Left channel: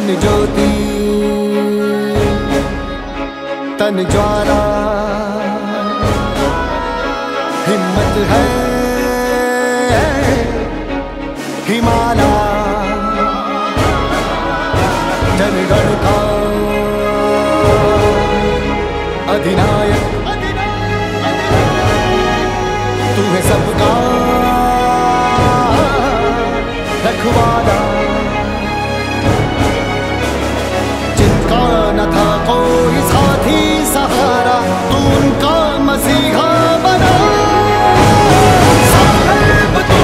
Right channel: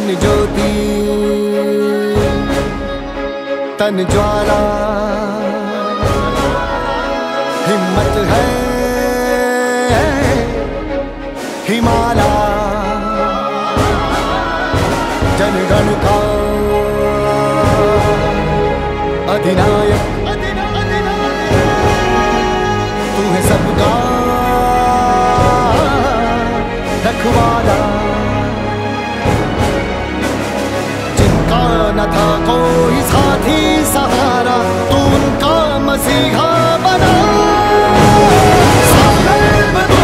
मन ज्योति तन ज्वाला, हिम्मत है हिमाला, जनगण का अधिनायक तू है सबका रखवाला। जिनका न था कोई साथी सहारा, तू उनका मसीहा बना। साहेब तू,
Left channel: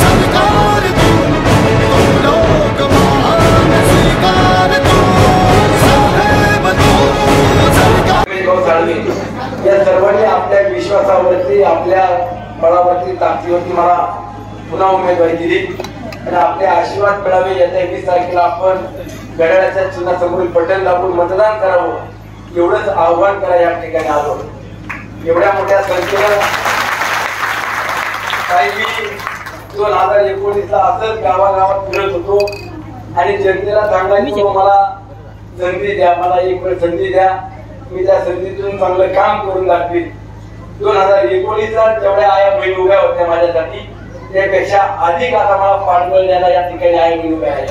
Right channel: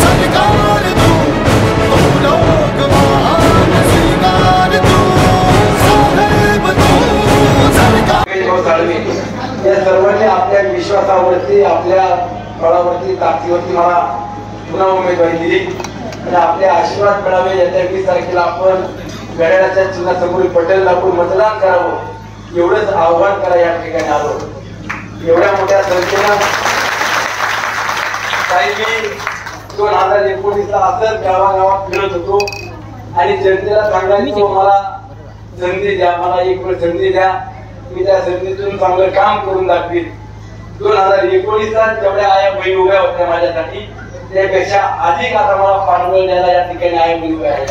सरकार तू, तुम लोग महान स्वीकार तू। साहेब तू, सरकार। या सर्वांनी आपल्या विश्वासावरती, आपल्या बळावरती, ताकदीवरती मला पुन्हा उमेदवारी दिली आणि आपले आशीर्वाद मिळावे येत्या 20 तारखेला आपण घड्याळाच्या चिन्हासमोर बटन दाबून मतदान करावं एवढंच आव्हान करा या ठिकाणी आलो। एवढ्या मोठ्या संख्येनं काही मी 2019 ला असंच गावागावात फिरत होतो आणि जनतेला सांगायचो मला संधी द्या, मला एक वेळ संधी द्या, मी त्या संधीतून चांगलं काम करून दाखवीन। 2019 ला जेवढ्या आया बहीण उभ्या होत्या माझ्यासाठी त्यापेक्षा अधिक आता मला पाठबळ द्यायला या ठिकाणी आया बहीण उभ्या आहेत।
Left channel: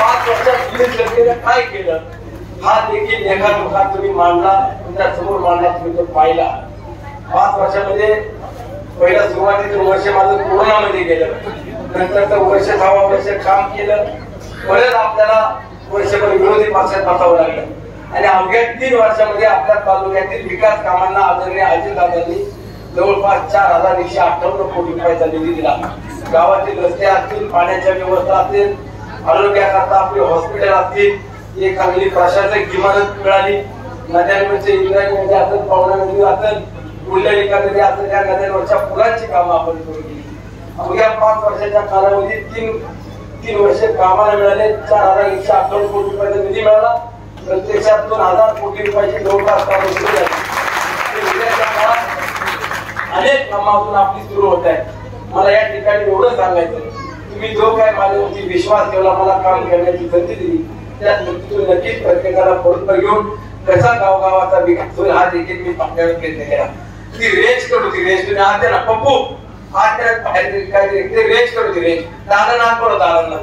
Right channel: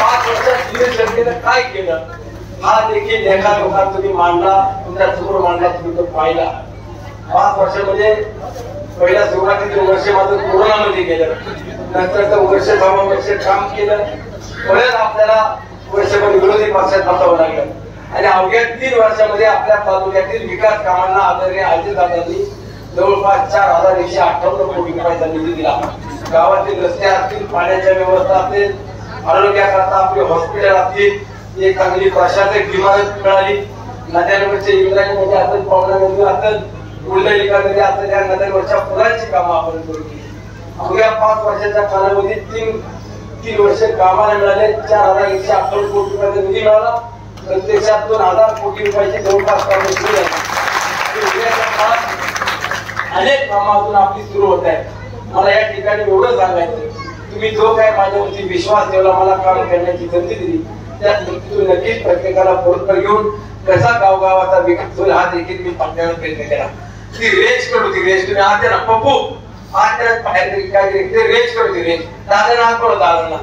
5 वर्षात जनतेनं काय केलं हा देखील लेखा तुम्ही मांडला, तुमच्या समोर मांडला, तुम्ही तो पाहिला। 5 वर्षामध्ये पहिल्या सुरुवातीचं वर्ष माझं कोरोनामध्ये गेलं, नंतरचं वर्ष 6 वर्ष काम केलं, परत आपल्याला वर्षभर विरोधी पक्षात बसावं लागलं आणि अवघ्या 3 वर्षामध्ये आपल्या तालुक्यातील विकास कामांना आदरणीय अजितदादांनी जवळपास 4158 कोटी रुपयाचा निधी दिला। गावातील रस्ते असतील, पाण्याच्या व्यवस्था असतील, आरोग्याकरता आपले हॉस्पिटल असतील, एक चांगली प्रशासक इमारत मिळाली, नद्यांवरचे इंद्रायणी असेल, पावना नदी असेल, कुंडलिका नदी असेल, या नद्यांवरच्या पुलांची कामं आपण सुरू केली। अवघ्या 5 वर्षाच्या कालावधीत 3 वर्ष कामाला मिळाले, 4158 कोटी रुपयाचा निधी मिळाला, प्रत्यक्षात 2000 कोटी रुपयाची जवळपास कामं सुरू झाली। अनेक कामातून आपली सुरू होत आहे। मला या ठिकाणी एवढं सांगायचं, तुम्ही जो काय माझ्यावरती विश्वास ठेवला, मला काम करण्याची संधी दिली, त्या संधीतून नक्कीच प्रत्येकाला बरोबर घेऊन कसा गावगावाचा विकास होईल हा देखील मी आपल्याला प्रयत्न केला। ती रेंज करू, ती रेंज तुम्ही आज ना पप्पू आज त्या बाहेर काय ते रेंज करू, ती रेंज दादांना आज बोलत दादांना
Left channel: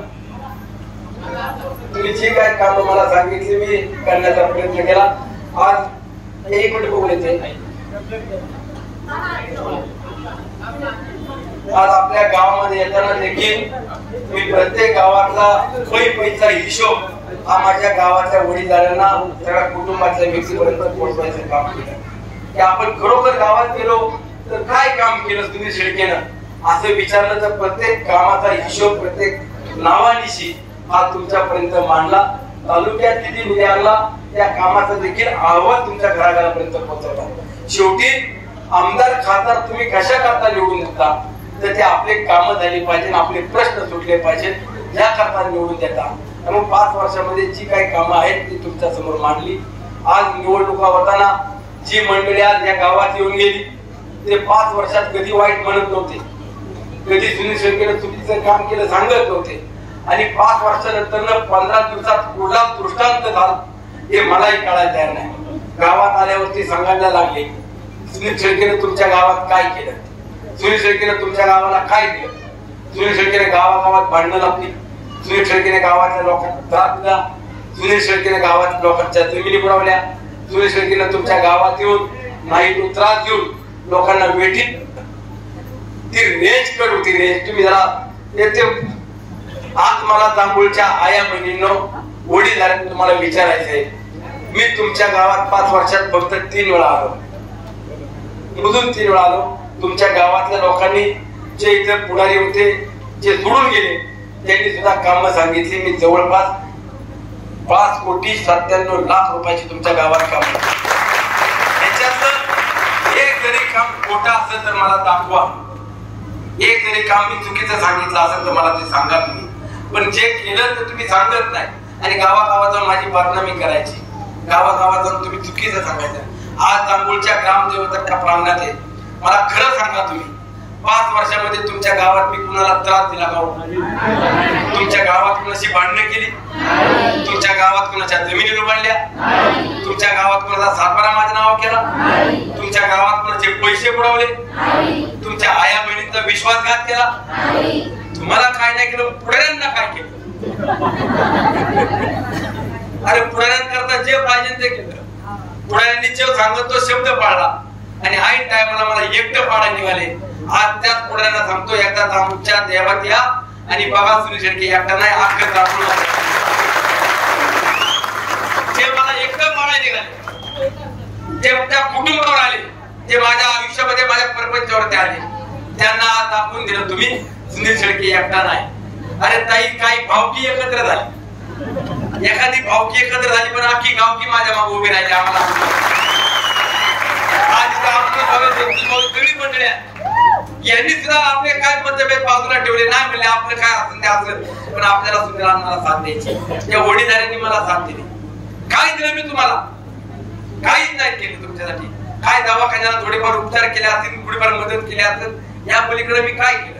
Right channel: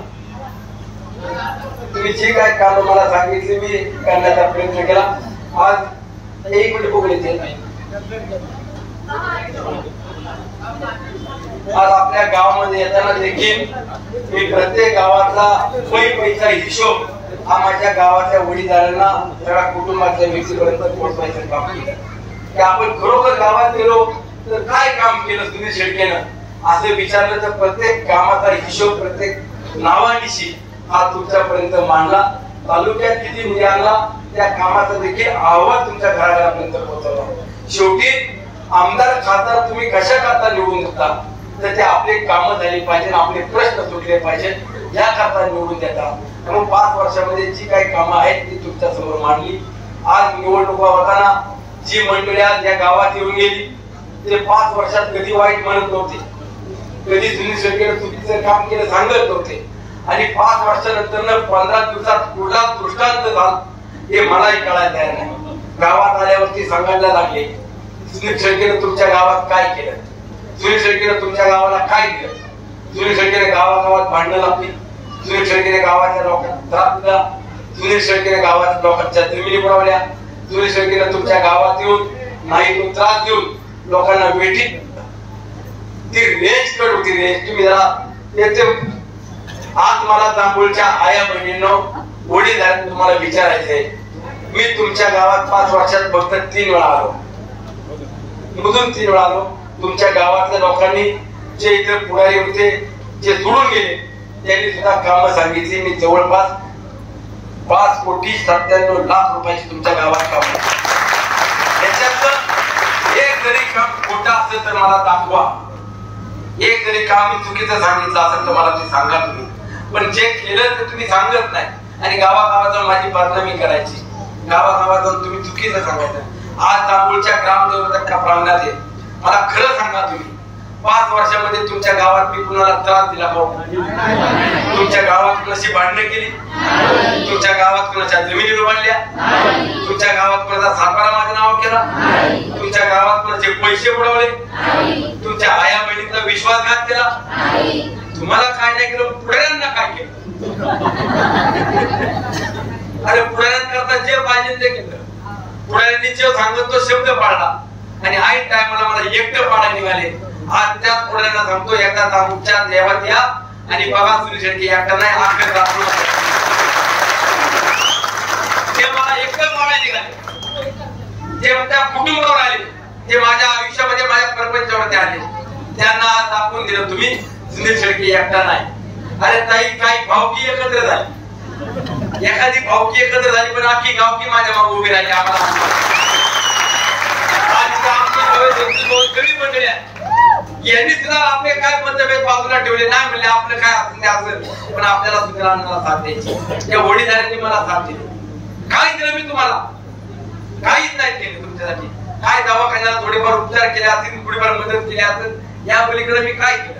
तुम्ही जे काय काम मला सांगितले मी करण्याचा प्रयत्न केला। आज 1 मिनिट बोलायचे, आज आपल्या गावामध्ये येताना देखील मी प्रत्येक गावातला पैसा हिशोब हा माझ्या गावाच्या वडीलधाऱ्यांना, सगळ्या कुटुंबाच्या व्यक्तीपर्यंत पोहोचवायचं काम केलं की आपण खरोखर गावात गेलो तर काय काम केलं सुनील शेळकेनं असं विचारलं तर प्रत्येक कामाचा हिशोब, प्रत्येक नावानिशी हा तुमच्यापर्यंत मांडला। तालुक्यात किती निधी आणला त्या कामाचा देखील अहवाल तुमच्या घराघरापर्यंत पोहोचवला। शेवटी आमदार खासदार तुम्ही कशा करता निवडून देता तर ते आपले कामं झाली पाहिजे, आपले प्रश्न सुटले पाहिजे या करता निवडून देतात। म्हणून 5 वर्षामध्ये जी काही कामं आहेत ती तुमच्या समोर मांडली। आज निवडणुका होताना जी मंडळी आज या गावात येऊन गेली ते 5 वर्षात कधी वाईट म्हणत नव्हते, कधी सुनील शेळकेने चुकीचं काम केलं सांगत नव्हते आणि 5 वर्षानंतर 15 दिवसात कुठला दृष्टांत झाला हे मलाही कळायला तयार नाही। गावात आल्यावरती सांगायला लागले सुनील शेळकेने तुमच्या गावात काय केलं, सुनील शेळकेने तुमच्या गावाला काय दिलं, सुनील शेळकेने गावागावात भांडणं लावली, सुनील शेळकेने गावाच्या लोकांना त्रास दिला, सुनील शेळकेने गावाच्या लोकांच्या जमिनी बनवल्या, सुनील शेळकेने तुमच्या गावात येऊन नाही तो त्रास देऊन लोकांना भेटी ती रेंज करू, ती रेंज तुम्ही जरा येते। आज मला जांभूळच्या आया बहिणींनो वडीलधाऱ्यांना तुम्हाला विचारायचंय, मी तुमच्या गावात 5 वर्षात फक्त 3 वेळा आलो, मुदून 3 वेळा आलो। तुमच्या गावातल्या लोकांनी जे इतर पुढारी होते जे सोडून गेले त्यांनी सुद्धा कामं सांगितली। मी जवळपास 5,97,00,000 रुपयाची तुमच्या गावात काम त्याच्यात एक जरी काम खोटा असेल तर मला दाखवा, एक जरी काम मी चुकीचं सांगितलं असेल तर मला ते सांगा तुम्ही, पण जे केलं ते तुम्ही सांगत नाही आणि गावागावात जाऊन माझी बदनामी करायची, गावागावात जाऊन तुम्ही चुकीचं सांगायचं। आज जांभूळच्या ग्रामदेवताच्या प्रांगणात आहे, मला खरं सांगा तुम्ही 5 वर्षामध्ये तुमच्या गावात मी कुणाला त्रास दिला का? तुमच्या गावात कुणाशी भांडणं केली? तुमच्या गावात कुणाच्या जमिनीवर बांधल्या? तुमच्या गावात कुणाचा सातबारा माझ्या नाव केला? तुमच्या गावात कुणाचे पैसे बुडवले? तुमच्या आया बहिणींचा विश्वासघात केला? तुम्हाला काय नाही केलं, पुढाऱ्यांना काय केलं? अरे पुढाऱ्यांकरता जे पाहिजे ते केलं. पुढाऱ्यांनी जे सांगत तो शब्द पाळला आणि ऐन टायमाला मला एकटं पाळायला निघाले. आज त्याच पुढाऱ्यांना सांगतो, एकदा आमच्या देवात या आणि बघा सुनील शेट्टी एकटा नाही अख्खं दाखवून ते मला एकटं पाळायला निघाले. ते त्या कुटुंबावर आले, ते माझ्या आयुष्यामध्ये माझ्या प्रपंचावरती आले. त्यांना दाखवून दिलं तुम्ही सुनील शेट्टी एकटा नाही. अरे ताई, काही भावकी एकत्र झाली, एखादी भावकी एकत्र झाली पण अख्खी गावकी माझ्या मागे उभी राहिली. आम्हाला सगळी मंडळी यांनी सुद्धा आपले काय मतभेद बाजूला ठेवले नाही, म्हणले आपलं काय असेल ते असेल, पण आपल्याला सुद्धा मला साथ द्यायची. त्या वडीलधाऱ्यांनी मला साथ दिली. काय दिलं मी तुम्हाला? काहीच नाही केलं तुमच्यासाठी. काय दवाखान्याला थोडेफार उपचार केले असतील, थोडीफार मदत केली असेल, या पलीकडे मी काय केलं?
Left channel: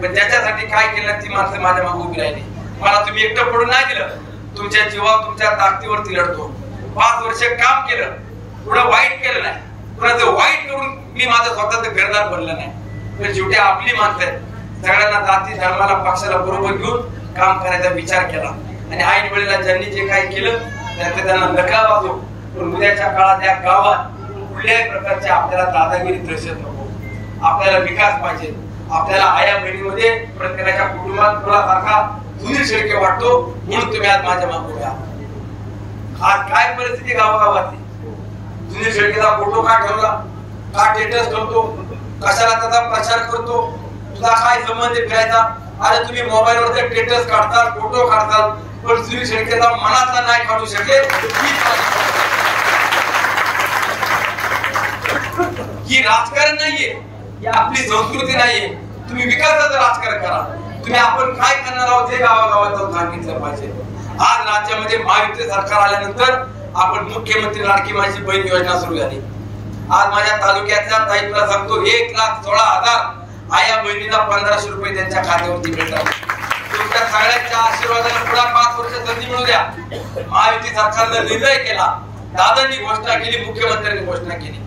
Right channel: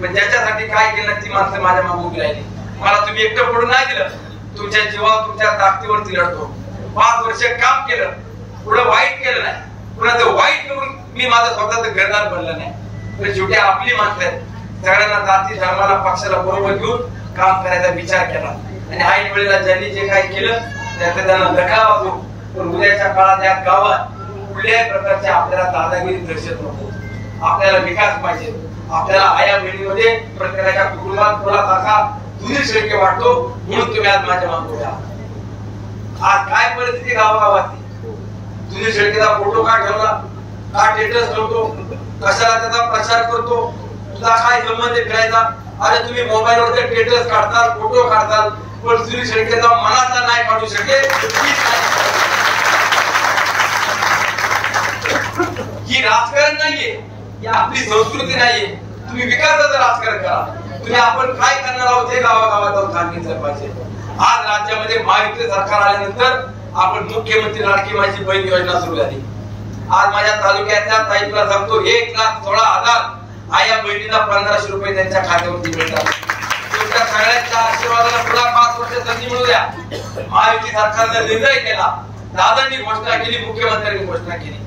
पण ज्याच्यासाठी काय केलं ती माणसं माझ्या मागे उभी राहिली. मला तुम्ही एकटं पडून नाही दिलं. तुमच्या जीवावर तुमच्या ताकदीवरती लढतो. 5 वर्ष काम केलं, पुढे वाईट केलं नाही, कुणाचं वाईट करून मी माझं स्वतःच घरदार भरलं नाही. तर शेवटी आपली माणसं आहेत. सगळ्यांना जाती धर्माला पक्षाला बरोबर घेऊन काम करायचा विचार केला आणि ऐन वेळेला ज्यांनी जे काही केलं त्याचा त्यांना धक्का वाजो. पण उद्याच्या काळात या गावात कुठल्याही प्रकारचे आपल्याला दादागिरी दर्शत नको. आपल्याला विकास पाहिजे. आपल्याला आया बहिणीमध्ये प्रत्येकाच्या कुटुंबात थोडासारखा दुसरी शेळके वाटतो, म्हणून तुम्ही आज माझ्या मागे उभे आहात. आज काय परिस्थिती गावागावाची? दुसरी शेळकेचा फोटो काय ठेवला, काय स्टेटस ठेवतो, कशाला त्याचा प्रचार करतो, तुला काय संबंध फिरायचा? अरे तुम्ही मोबाईलवर स्टेटस काढताल, फोटो काढताल, पण दुसरी शेळकेचा मनाचा नाही काढू शकेल. ही राजकारण नाहीये, ही आपली संस्कृती नाहीये. तुम्ही विकासाचं राजकारण करा. तुम्ही आपण काय करणार आहोत हे गावागावात जाऊन सांगितलं पाहिजे. आज राज्यामध्ये महायुती सरकार आल्यानंतर आपण मुख्यमंत्री लाडकी माझी बहीण योजना सुरू झाली. आज माझ्या तालुक्यातल्या ताईला सांगतो 1,16,000 आया बहिणीला 1500 रुपये त्यांच्या खात्यावरती मिळतात. तुमच्या सगळ्यांच्या आशीर्वादाला पुढे 5 वर्ष संधी मिळू द्या. महायुती सरकारने निर्णय केला, दादांनी घोषणा केली, मुख्यमंत्र्यांनी घोषणा केली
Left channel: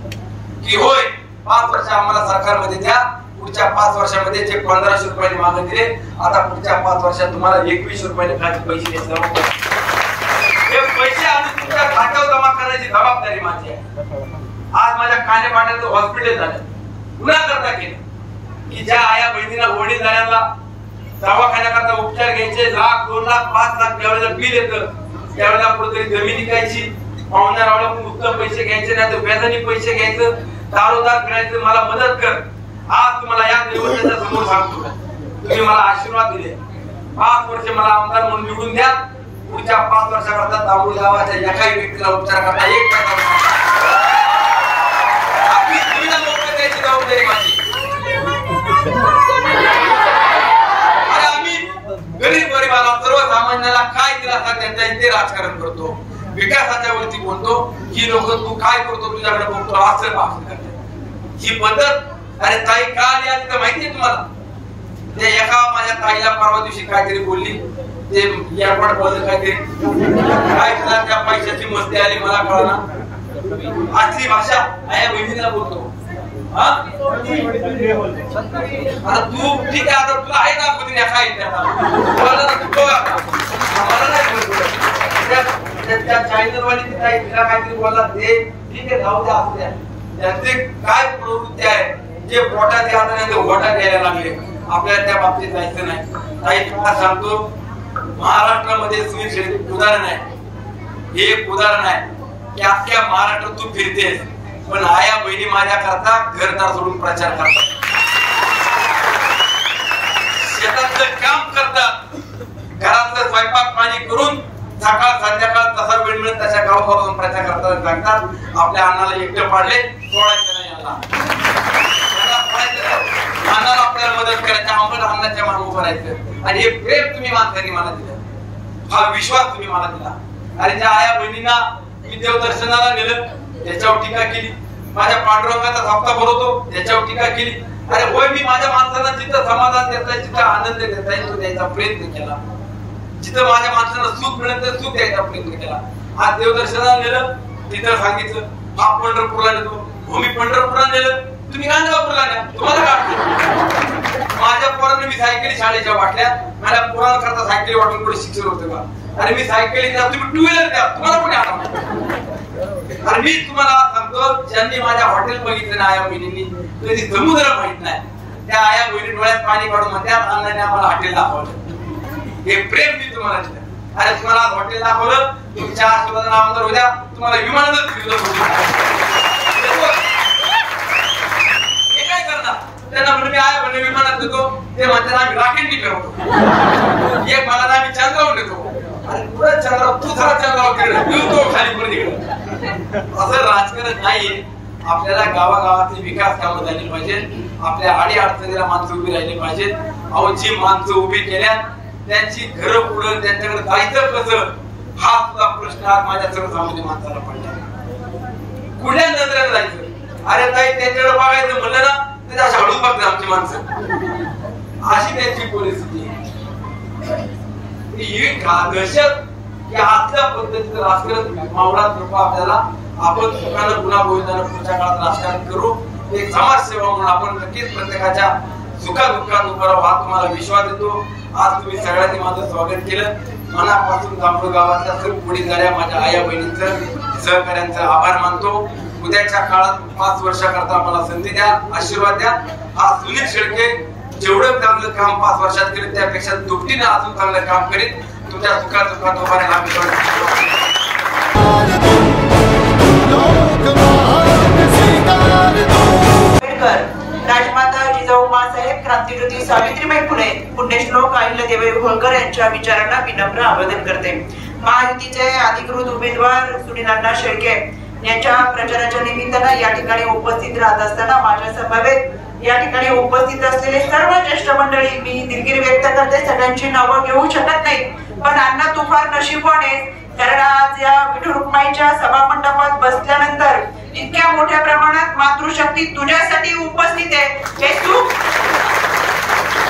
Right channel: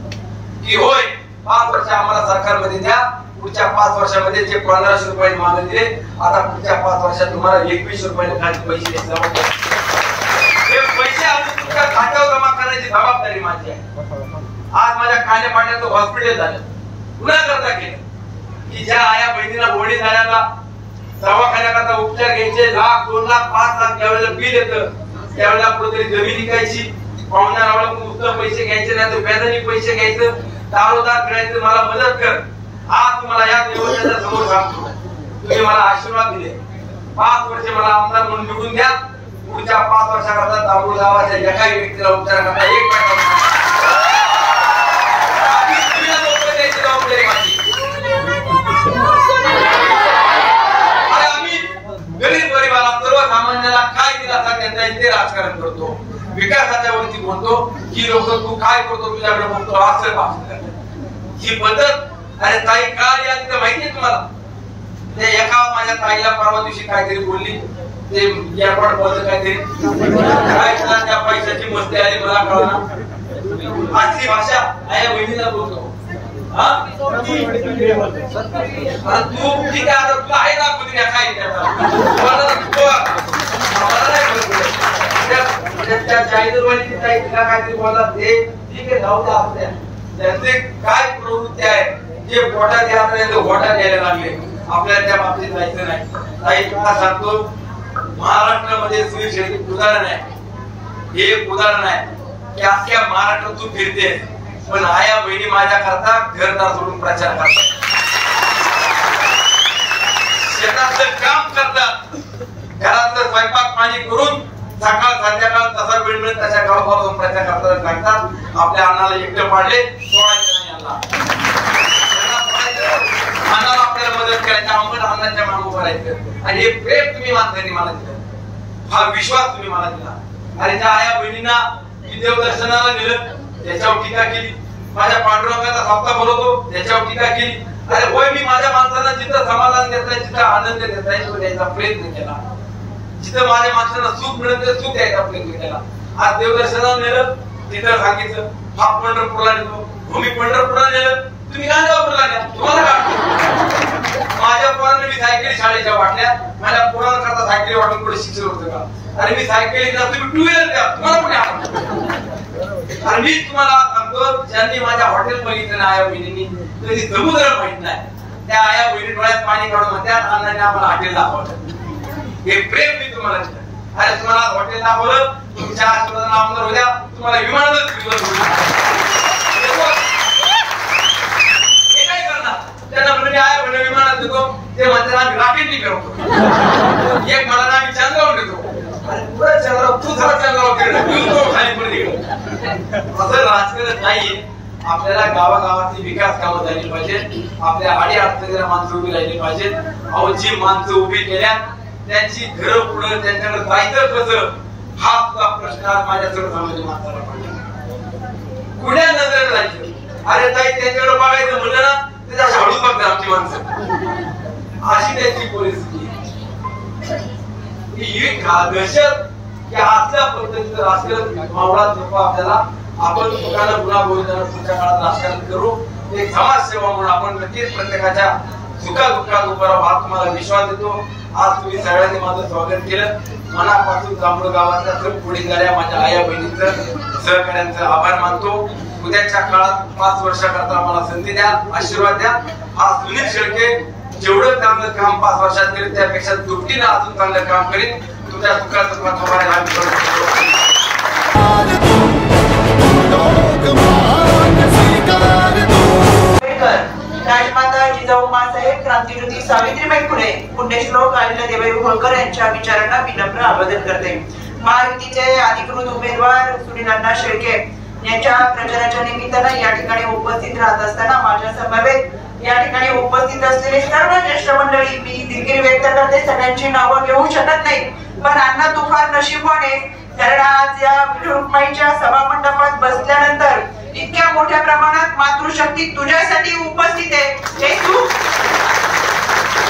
की होय 5 वर्ष आम्हाला सरकारमध्ये द्या. पुढच्या 5 वर्षामध्ये जे 1500 रुपये मागे दिले, आता पुढच्या 5 वर्षात तुम्हाला 21 रुपये खाली पैसे द्यायचे. हे पैसे आणून तुमच्या खात्यावर जमा करायची जबाबदारी माझी आहे. आज माझ्या खाण्यापाण्याचं हॉस्पिटल झालं, पुन्हा करता केलं की ज्या आया बहिणीला वडीलधाऱ्यांना दवाखान्याकरता उपचार घ्यायचे 1,00,000, 2,00,000, 5,00,000 ज्यावेळेला बिल येतं त्यावेळेला कुठेतरी जमीन विकायची, पाहुण्याला उत्तम पैसे घ्यायचे, नाही तर व्याजाने पैसे घ्यायचं, दारोदार फिरायचं, मला मदत कर. आज तुम्हाला या देवस्थानाच्या समोर सांगतो, तुम्ही मला आशीर्वाद दिले. 5 वर्ष मला आमदार म्हणून निवडून द्या. पुढच्या 5 वर्षाकरता दामोड गावाच्या एकाही व्यक्तीला उपचार करता 1 पैसा जबाबदारी माझी. अरे आम्ही गरीब गरिबाला सर्वसामान्याला काय दिलासा देता येईल ते राजकारण करतो, विकासाच्या वरती बोलतो. ही लोक तू काय करतो तुझ्याकडे बोलतो असं भाषण करतात. ही पद्धत अरे ताई का आली आज तर माहितीये तुम्हाला? ते एका माझ्या ताईला परवा दिवशी काहीतरी बोलली, ते यापड बोलत काहीतरी काय तुला त्या पैशाची मस्ती आली मला कळना. आजची भाषा आया बहिणीला बोलतो. तू ठीक आहे, आता तुला आहे ना कधी काय त्या चाळीसवाली तिला काहीतरी बोलला ते ठीक आहे, जाऊ द्या असू द्या. त्यांचे काय प्रवृत्ती आहे जे गोटा द्यायला गोटा द्यायला लागले, आपल्याला त्या बाबतीत जायचं नाही. ताई तुला सांगतो, महाराष्ट्रामध्ये सुनील शेट्टी उदाहरण आहे. हे एक उदाहरण आहे की अख्ख्या महाराष्ट्रात तू फिरतेस, पण आया बहिणी माझ्या करता घरदार सोडून प्रचार करतात, शेतातलं काम करतात, घरातलं स्वयंपाक पाणी करून सकाळ संध्याकाळ तसा वेळ मिळत तशा गावापासून प्रचार करतात सांगतात आपल्या अन्नाला एकटं पाडले, सोडायचं नाही अन्नाला आपल्याला मदत करायची, आंबट अन्नाच्या मागे उभं राहायचं. आणि हे प्रेम तुम्ही माणसांनी मला दिलं, हा विश्वास तुम्ही मला दिला. आणि त्या आया बहिणींना मी देवदर्शनाला नेलं, त्याच्यावर टीका केली. माझ्या पांडुरंगाचा हप्ता भरवतो त्याच्यावर टीका केली. अरे होय, मी माझ्या माणसाला जिथं समाधान देता, जिथं आनंद देता येईल तो द्यायचा प्रयत्न केला. जिथं माझ्या माणसाला सुख मिळत सुख द्यायचा प्रयत्न केला. आज देवदर्शनाला नेलं, तिथं सांगितलं हा पंढरपूरला नेतो, मी पंढरपूरला नेलं, तुम्ही गांजापूरला न्या, तुम्हाला काय. माझ्या पोरांना मी सायकली शाळेच्या वाटल्या, माझ्या पोरांना करता सायकली वाटून पुढे शिक्षण होतं का. अरे मी सायकली ना, तुम्ही टू व्हीलर द्या, तुम्हाला पुढे आणा. आणि मी तुम्हाला सांगतो, ज्यांनी माझ्या हॉटेल बघितलं ना आया बहिणींनी, कधी समुद्र माहित नाही, त्या आया बहिणी डोळ्यात पाणी काढून त्या आणल्याने आम्हाला हॉटेल दाखवलं. हे प्रेम मी तुम्हाला दिलं. अरे तुम्हाला हॉटेल दाखवलं, तुमच्या आशीर्वादाने आमदार होत्या, तुम्हाला विमानातच हे काय करणार. त्यांना म्हणजे मी आया म्हणजे विमानात देतो, ते म्हणतात आम्ही रॉकेटनी फिरवतो, एक मला आम्ही चंद्रावर देतो. अरे पुढे चंद्रावर, तू जरा चंद्रावर फिरतो, खाली पण निघतो. असं राजकारण नाहीये. आपल्याला गावागावातली विकास कामं झाली पाहिजे, आपल्या आडी अडचणीला माणसं उभी राहिली पाहिजेत. अहो जी माणसं उभी केल्यात त्यांची घरं पुढं त्यांच्याकडे जायचं कसं, हा सुद्धा प्रश्न आज माझ्या सर्वसामान्य माणसाला पडला. कुठल्या नजरेला जायचं. अरे ताई त्यांच्याकडे बघायचं म्हणलं ना, त्याच्या शाळू बघतात आमची माणसं. अशी त्यांची परिस्थिती ही दहशत की आजच्या पद्धतीचं राजकारण मावळात नको. आपल्याला आपण स्वतःला गुन्हा बोलताना पुढच्या काळात राजकारण करू. एक समाजसेवा म्हणून आपण नक्कीच प्रत्येकाच्या सुखादुःखात उभा राहू, हा तुम्हाला विश्वास देतो. आज तुम्ही सगळ्यांनी माझं स्वागत केलं. मनापासून जांभूळ गावातल्या सर्व पुढे झाल्या माझ्या आया बहिणींचं सहकार्यांचं आभार मानतो. उद्याच्या काळात 5 वर्षाकरता मला संधी द्या, आशीर्वाद द्या. आज सुनील शेळके जेवढं चांगलं काम 5 वर्षात केलं त्यापेक्षा दुपटीनं अजून चांगलं काम करीन. तुमच्या सुखादुःखात उभा राहायला राजमाता जिजाऊ माँसाहेब, क्रांतिज्योती सावित्रीबाई फुले, पुण्यश्लोक अहिल्यादेवी होळकर यांच्या विचारांना विनम्र आवाहन करते. महायुतीचे अधिकृत उमेदवार सुनील अण्णा शेळके यांच्या प्रचाराच्या निमित्तानं या ठिकाणी उपस्थित राहत असताना माझ्या समवेत या ठिकाणी उपस्थित असलेले सर्व ज्येष्ठ मंडळी, मी दिलगिरी व्यक्त करते. सगळ्यांची नावं घेऊ शकत नाही, पण अण्णा तू फार नशीबवान आहे, कारण आज या विठू रुक्माईच्या सभामंडपात बसल्यानंतर इतक्या मोठ्या प्रमाणात मातृशक्ती तुझ्यासाठी उपस्थित आहे.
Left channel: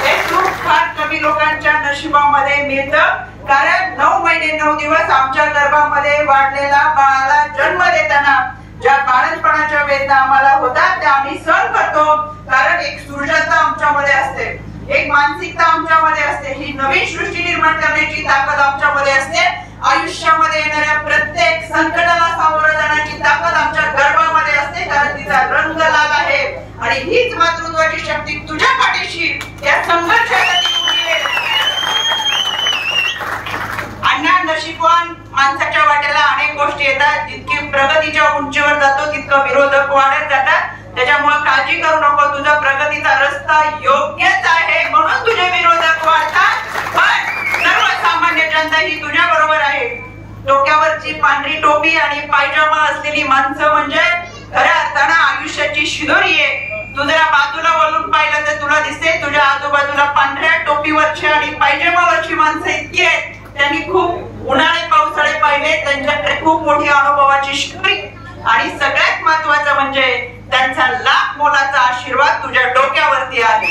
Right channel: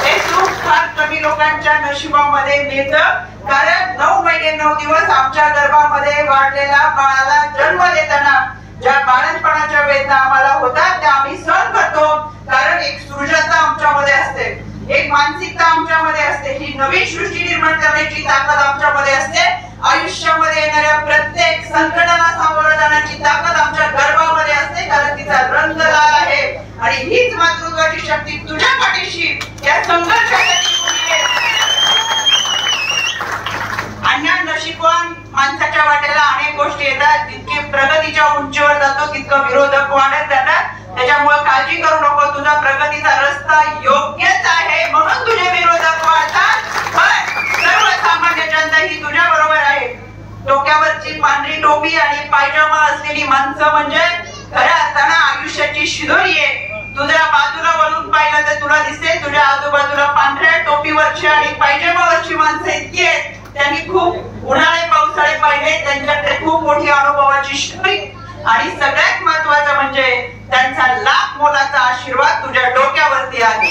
हे सुख फार कमी लोकांच्या नशिबामध्ये मिळतं, कारण 9 महिने 9 दिवस आमच्या गर्भामध्ये वाढलेला बाळाला जन्म देताना ज्या बाळंतपणाच्या वेदना आम्हाला होतात त्या आम्ही सहन करतो, कारण एक सृजनता आमच्यामध्ये असते, एक मानसिकता आमच्यामध्ये असते, ही नवीन सृष्टी निर्माण करण्याची ताकद आमच्यामध्ये असते. आयुष्यामध्ये येणाऱ्या प्रत्येक संकटाला सामोरं जाण्याची ताकद आमच्या गर्भामध्ये असते, कारण तिचा रंग लाल आहे. आणि हीच मातृत्वाची शक्ती तुझ्या पाठीशी या संघर्षासाठी उभी आहे. अण्णा नशीबवान माणसाच्या वाटेला अनेक गोष्टी येतात. जितकी प्रगतीच्या उंचीवर जातो तितकं विरोधक वाढत जातात. त्याच्यामुळे काळजी करू नको, तुझा प्रगतीचा रस्ता योग्यच आहे म्हणून तुझे विरोधक वाढतात, पण सर्वसामान्य जनता ही तुझ्या बरोबर आहे. डोक्यावरची पांढरी टोपी आणि पायजमा असलेली माणसं म्हणजे खऱ्या अर्थानं आयुष्याची शिदोरी आहे. तुझ्या बाजूला वळून पाहिलं तर तुला दिसते तुझ्या आजूबाजूला पांढऱ्या टोपीवरची आणि पायजमावरची माणसं इतकी आहेत, त्यांनी खूप उन्हाळे पावसाळे पाहिले, त्यांच्याकडे खूप मोठी अनुभवाची स्टोरी, आणि सगळ्यात महत्वाचं म्हणजे त्यांचा लाख मोलाचा आशीर्वाद तुझ्या डोक्यावरती आहे.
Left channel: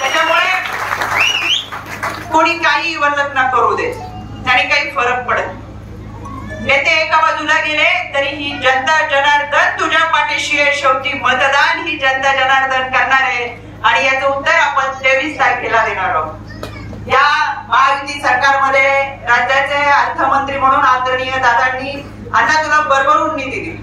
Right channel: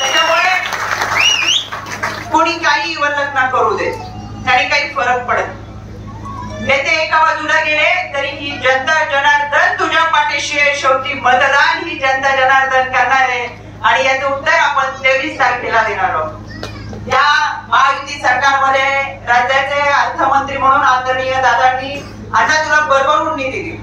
त्याच्यामुळे कोणी काही वल्लना करू दे, त्याने काही फरक पडत. नेते एका बाजूला गेले तरी ही जनता जनार्दन तुझ्या पाठीशी आहे. शेवटी मतदान ही जनता जनार्दन करणार आहे, आणि याचं उत्तर आपण 23 तारखेला देणार आहोत. या महायुती सरकारमध्ये राज्याचे अर्थमंत्री म्हणून आदरणीय दादांनी अण्णा तुला भरभरून निधी दिली,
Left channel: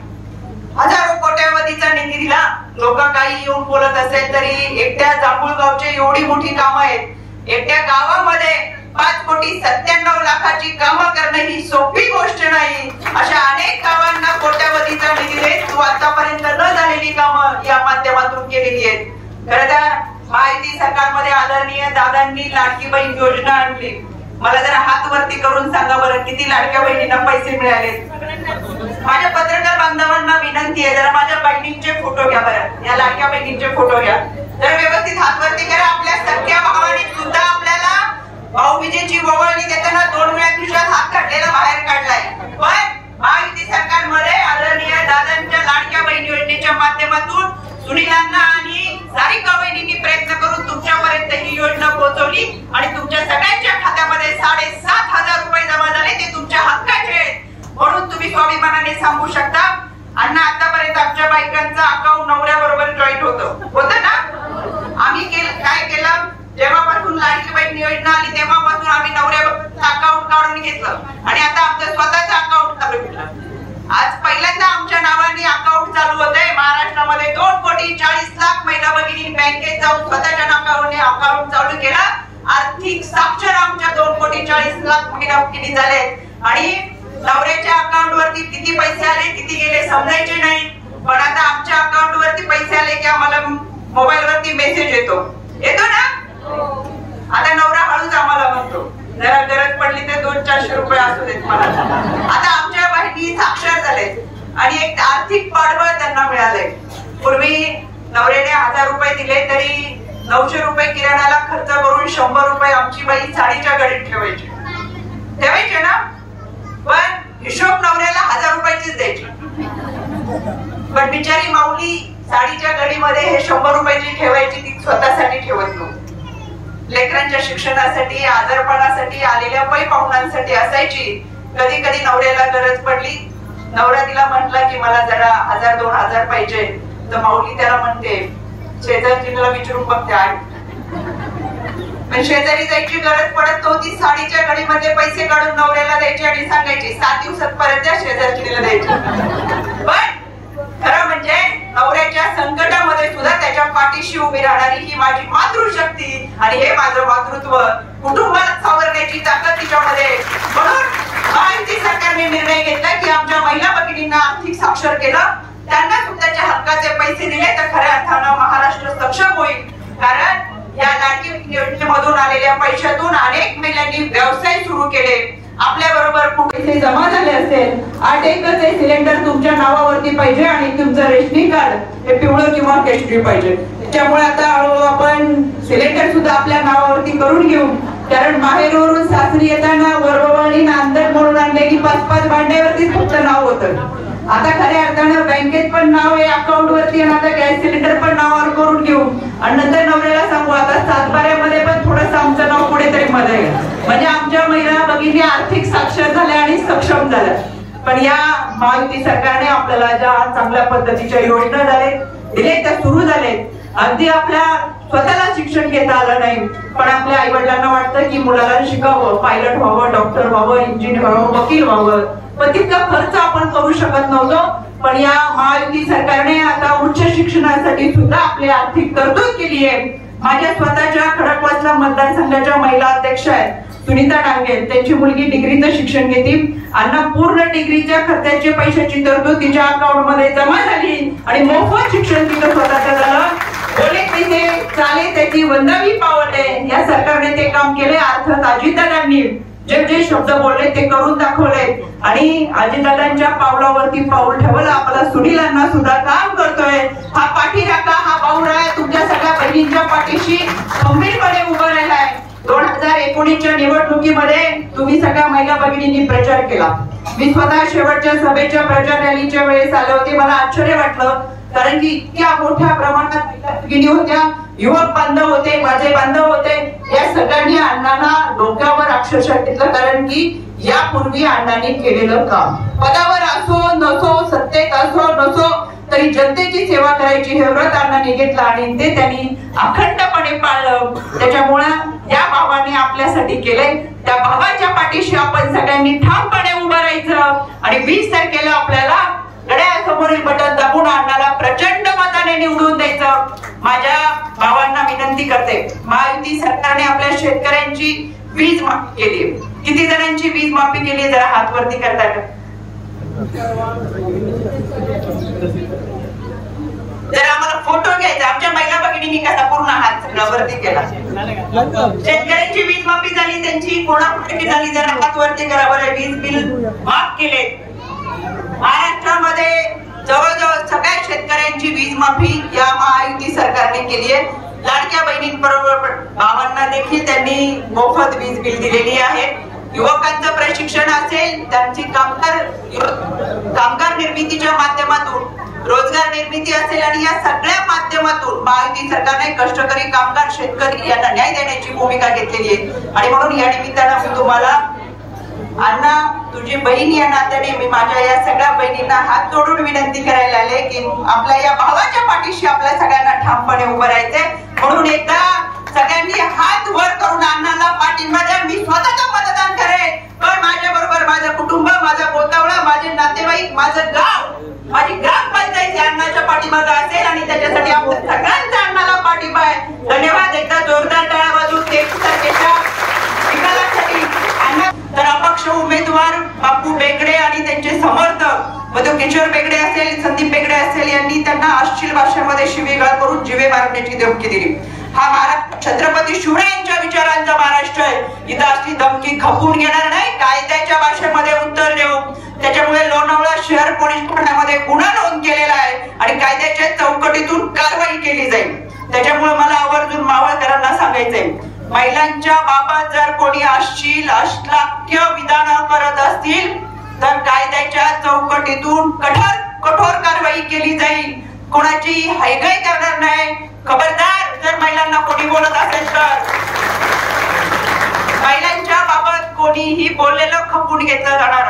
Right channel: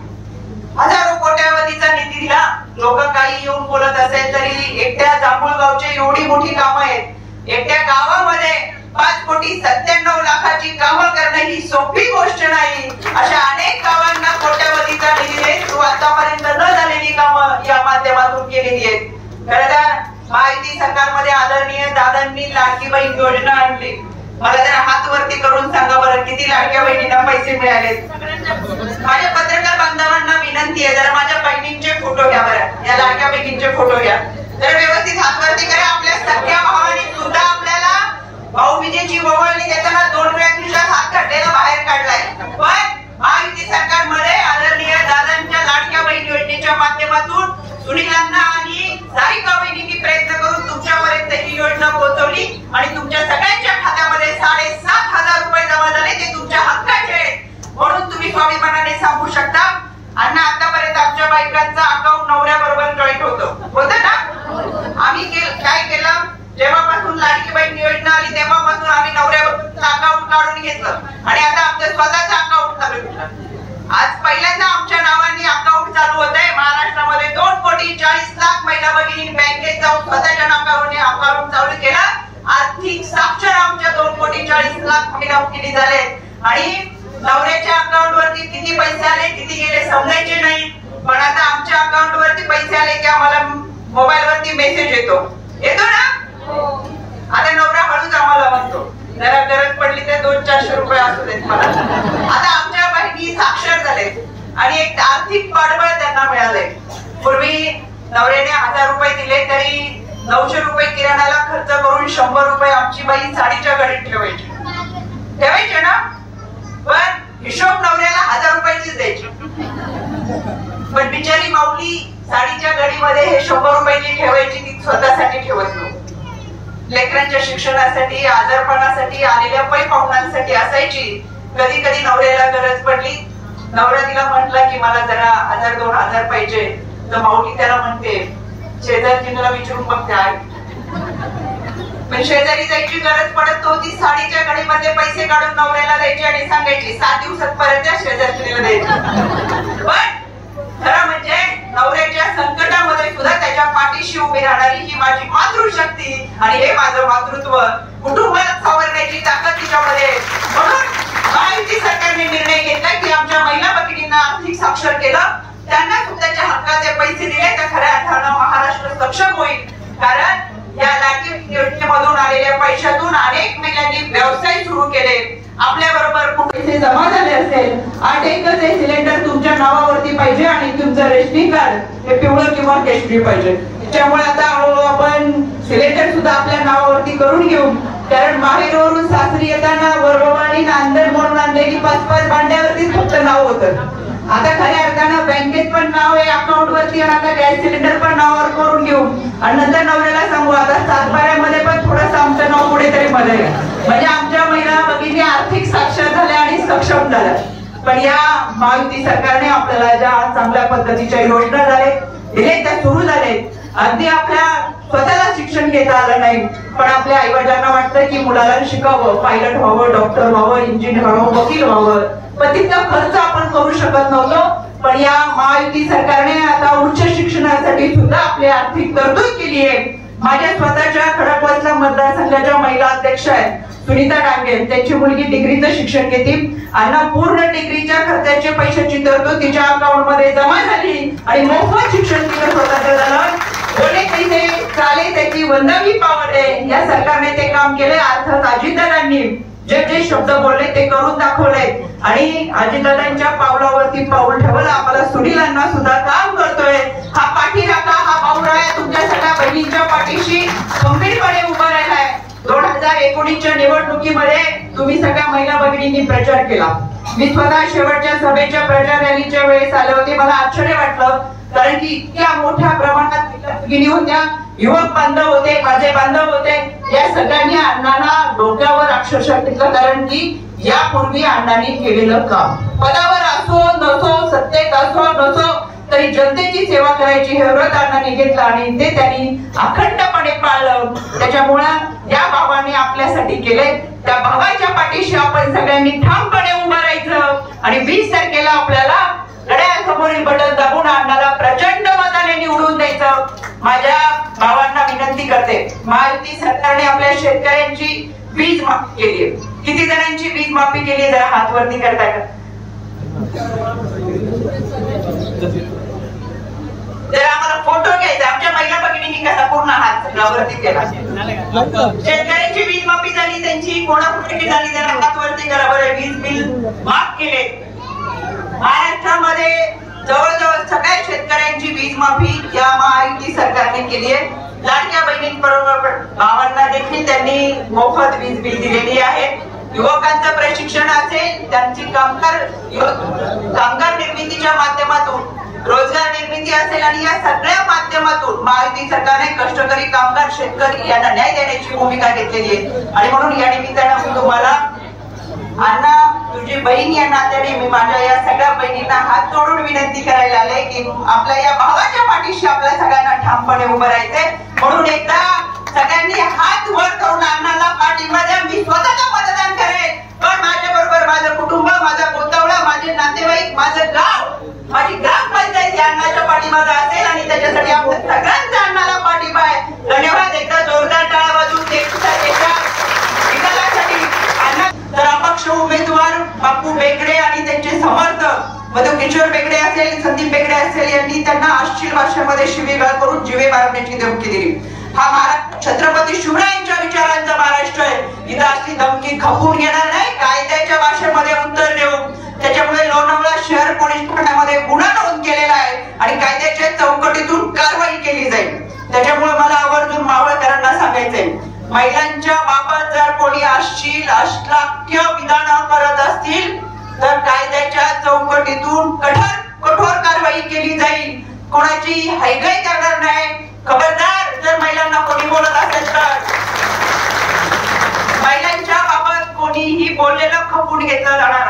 हजारो कोट्यावधीचा निधी दिला. लोक काही येऊन बोलत असेल तरी एकट्या जांभूळगावची एवढी मोठी कामं आहेत, एकट्या गावामध्ये 5,97,00,000ची कामं करणं ही सोपी गोष्ट नाही. अशा अनेक गावांना कोट्यावधीचा निधी देत तू आतापर्यंत न झालेली कामं या माध्यमातून केलेली आहेत. खरं तर महायुती सरकारमध्ये आदरणीय दादांनी लाडकी बहीण योजना आणली. मला जरा हात वरती करून सांगा बरं, किती लाडक्या बहिणींना पैसे मिळाले? माझ्या पत्रकार बांधवांना विनंती आहे, जरा माझ्या बहिणींचे फोटो घ्या बरं, या लाडक्या बहिणींचे फोटो घ्या, जरा व्यवस्थित हात वरती करा. आपल्या सख्या भावाने सुद्धा आपल्याला भाऊबीजेची ओवाळणी देताना 2 वेळा खिशात हात काढलेला बाहेर काढलाय. पण महायुती सरकारमध्ये आदरणीय दादांच्या लाडक्या बहीण योजनेच्या माध्यमातून सुनीलांना आणि सारिका बहिणींनी ठेवली आणि तुमच्या सगळ्यांच्या खात्यामध्ये 7,500 रुपये जमा झाले. ते तुमच्या हक्काचे आहेत म्हणून तुम्ही स्वाभिमानाने सांगू शकता. अण्णा आतापर्यंत आमच्या बायकांचं अकाउंट नवऱ्याबरोबर जॉईंट होतं ना. आम्ही काय केलं, जेव्हापासून लाडकी बहीण योजना आली तेव्हापासून आम्ही नवऱ्याबरोबरचं अकाउंट काढून घेतलं आणि आता आमचं स्वतःचं अकाउंट चालू केलं. आज पहिल्यांदा आमच्या नावाने अकाउंट चालू होत आहे. महाराष्ट्रामध्ये 2,40,00,000 महिला भगिनी बँकेत जाऊन स्वतःच्या नावाने अकाउंट चालू केलं. आर्थिक साक्षर आमच्या 2,40,00,000 महिला भगिनी झाले आणि नवऱ्याच्या अकाउंट वरती किती पैसे आले किती गेले समजायचे नाही. पण आता आमच्या अकाउंट वरती पैसे आले की आम्हाला मोबाईल वरती मेसेज येतो ना. आता नवरा हळूच आम्हाला म्हणतो, जरा गरज पडली तर 200-400 रुपये असू देत मला. आता आमच्या बहिणी साक्षर झाले आणि एक आर्थिक पाठबळ त्यांना मिळाले. पूर्वी नवऱ्याने 1,000 रुपये दिले तरी 900 रुपये किराणाला खर्च करून 100 रुपये आमची बाई साडीच्या घडीत ठेवायचे ना. पण हिशोब नवऱ्याला 1,000 रुपयाचीच द्यायची. पण बिचारी माऊली साडीच्या घडीमध्ये हे 100 रुपयाची ठेवायची, ती स्वतःसाठी ठेवत नव्हती. लेकरांच्या शिक्षणासाठी आजारपणासाठी आलेल्या पै पाहुण्यांसाठी असायची. कधी कधी नवऱ्याला गरज पडली, नवरा तिला म्हटला की मला जरा 1,000-2,000 पाहिजे, तर माऊली त्याला म्हणते शेजारजीला विचारून बघते आहे. पण शेजारी जायची गरज पडत नव्हती. साडीच्या घडीमध्ये पैसे काढून नवऱ्याला द्यायचे आणि सांगायची 7 दिवसात परत त्या शेजारजीला द्यायचे. पण खरं म्हणजे नवऱ्याच्या संकटामध्ये सुद्धा त्याच्या पाठीशी उभी राहणारी ही माझी मातृशक्ती आणि हे माझं मातृत्व, कुटुंबाला सावरण्याची ताकद तिच्यामध्ये. म्हणून महायुती सरकारने निर्णय घेतला की आमच्या महिला भगिनींना आर्थिक साक्षर केलं, त्यांना स्वतःच्या हक्काचे पैसे दिले तर खऱ्या अर्थानं महाराष्ट्र सक्षम होईल. कारण या लाडकी योजनेमधून आलेल्या पैशातून अनेक महिलांनी व्यवसाय सुरू केले. आपल्या बरोबर पैसे जमा झाले असेल, 8 एकच सिलेंडर तुमच्या नावावरती पाहिजे आणि तुमचं रेशनिंग कार्ड हे पिवळं किंवा केशरी पाहिजे. त्यामुळे आता हळूहळू आपण सिलेंडर सुद्धा आपल्या नावावरती करून घेऊ. कारण माहेरवरून सासरी येताना वरबवानी नांदर म्हणून आणलेली 5-5 भांड्यावरती फक्त नाव होतं. आता खऱ्या अर्थानं बँकेत पण नाव आहे अकाउंट वरती आणि आता गॅस सिलेंडर पण नावावर करून घेऊ आणि नंतर नवऱ्याला सांगू आता 7-12मध्ये पण थोडंसं आमचं नाव कुठेतरी मध्ये. म्हणजे आमच्या महिला भगिनी आर्थिक साक्षर झाल्या आणि सक्षम झाल्या. पण या महायुती सरकारने आपल्याला ज्या चांगल्या पद्धतीच्या योजना दिले त्या सुरू झाले. अगदी आपल्या स्वतःला शिक्षण घेता आलं नाही, पण आपल्या आई वडिलांना वाटतं की मुलाला शिकावं, पायलट व्हावं, डॉक्टर व्हावं, इंजिनियर व्हावं, वकील व्हावं, पण तितका खर्च आपण करू शकत नव्हतो. पण या महायुती सरकारने आता उच्च शिक्षणासाठी सुद्धा आपली आर्थिक तरतूद केली आहे. माझ्या स्वतःच्या खडकवासला मतदारसंघाच्या महिला अध्यक्ष आहेत सुनीता डांगे, त्यांची मुलगी डिग्रीचं शिक्षण घेते. अण्णा पूर्ण डिग्रीच्या खर्चाची पैशाची तरतूद तिच्या अकाउंट मध्ये जमा झाली आणि मोफत शिक्षण तिचं स्वतःचं झालं. बोले पैसे चाले त्याची वंदावी पावले. या सरकारने ते काम केले. अर्थात अजितदादांनी जे जे शब्द बोलले ते करून दाखवले आणि अजितदादांच्या पावलावरती पाऊल ठेवलं. आपला सुनीलांना सुद्धा काम करतोय. हा पाठीराखा, हा पाऊराय तुमच्या सगळ्या बहिणींच्या पाठीशी खंबीरपणे उभा राहिलाय. 2019च्या निवडणुकीमध्ये तुम्ही सगळ्या महिला भगिनींनी प्रचार केला. मी स्वतः शेवटच्या सभेच्या प्रचार रॅलीच्या वेळेस आले होते. मला आश्चर्य वाटलं कारण की इतक्या मोठ्या प्रमाणात महिला भगिनी होत्या, युवक बांधव होते, माझे बांधव होते. या सगळ्यांनी अण्णांना डोक्यावर अक्षरशः घेतलं कारण की यापूर्वी अण्णांनी केलेलं काम पदावर असो नसो, सत्तेत असो नसो तरी जनतेची सेवा करायची हे व्रत अण्णांनी घेतलं आणि ते त्यांनी अखंडपणे पाळलं. त्याच्यामुळं या भावाने आपल्यासाठी केले. त्या भावाच्या पाठीशी आपण सगळ्यांनी ठामपणे उभं राहायचं आणि 20 तारखेला आपल्याला घड्याळासमोरील बटन दाबून अण्णाला प्रचंड मताने निवडून द्यायचं. माझ्या भावांना विनंती करते, महायुती सरकारने आपल्या शेतकऱ्यांची वीज माफी केली. किती जणांची वीज माफी केली जरा हात वरती करता का? जर आम्हाला फोटो घ्यायचा, आमच्या महिला भगिनींनी कसा पूर्ण हात वरती केला. शेतकऱ्यांची वीज माफी झाली, त्यांची कोणाकुठे झाली जरा हात वरती करा बरं. वीज बिल माफ केले. महाराष्ट्रामध्ये जवळजवळ सगळ्या शेतकऱ्यांची वीज माफी या महायुती सरकारने केली आहे. लाडक्या बहिणींबरोबर भावांना देखील त्यांनी मोफत वीज बिल दिलेली आहे. युवकांचं प्रशिक्षण असेल, त्यांची कामगार निर्मितीच्या माध्यमातून रोजगार रोजगार निर्मिती असेल आणि या सगळ्या माध्यमातून महायुती सरकारने कष्टकरी कामगार शेतकरी यांना न्याय देण्याची भूमिका घेतलेली आहे. आणि म्हणून या निमित्तानं मी तुम्हाला अण्णा तुझी बहीण या नात्याने मी माझ्या या सगळ्या बहिणींना हात जोडून विनंती करायला आले की आपल्या या भावाच्या पाठीशी आपल्या सगळ्यांना ठामपणे उभं राहायचंय. म्हणून एकदा सगळ्यांनी हात वर करून अण्णाला पाठिंबा द्या. मी स्वतः मतदान करेन, पण माझ्या बरोबर माझं कुटुंब, माझा गोतावळा, माझे नातेवाईक, माझं गाव, माझी ग्रामपंचायत अण्णाच्या पाठीमागे असेल आणि त्याच्यासाठी आपण सगळ्यांचा अण्णाला पाठिंबा आहे. धन्यवाद. एकदा जोरदार टाळ्या वाजवून तर अपक्ष उमेदवार बापू बेगडे आणि त्यांचे समर्थक मधु किशोर बेगडे असेल, संदीप बेगडे असेल यांनी त्यांना अश्लील भाषेमध्ये शिवीगाळ करून जीवे मारण्याची धमकी दिली. हा महाराष्ट्र छत्रपती शिवरायांच्या विचारांचा महाराष्ट्र आहे. इथं असली धमकी खपून घेणार नाही. कायद्याच्या भाषेमध्ये उत्तर देऊ. त्याच्यामुळे लोणावळा शहर पोलीस ठाण्यामध्ये गुन्हा नोंद केलेला आहे आणि कायद्याच्या चौकटीतून कारवाई केली जाईल. त्याच्यामुळे मला आवर्जून मावळकरांना सांगायचंय, महिलांच्या बाबत जर कोणी अश्लील विधान करत असतील तर कायद्याच्या चौकटीतून कठोर कारवाई केली जाईल. कोणाची हैगाई करणार नाही. खबरदार जर महिलांना कोणी बोलत असेल तर महिलांच्या बाबत कोणीही बोललेलं खपून घेतलं जाणार.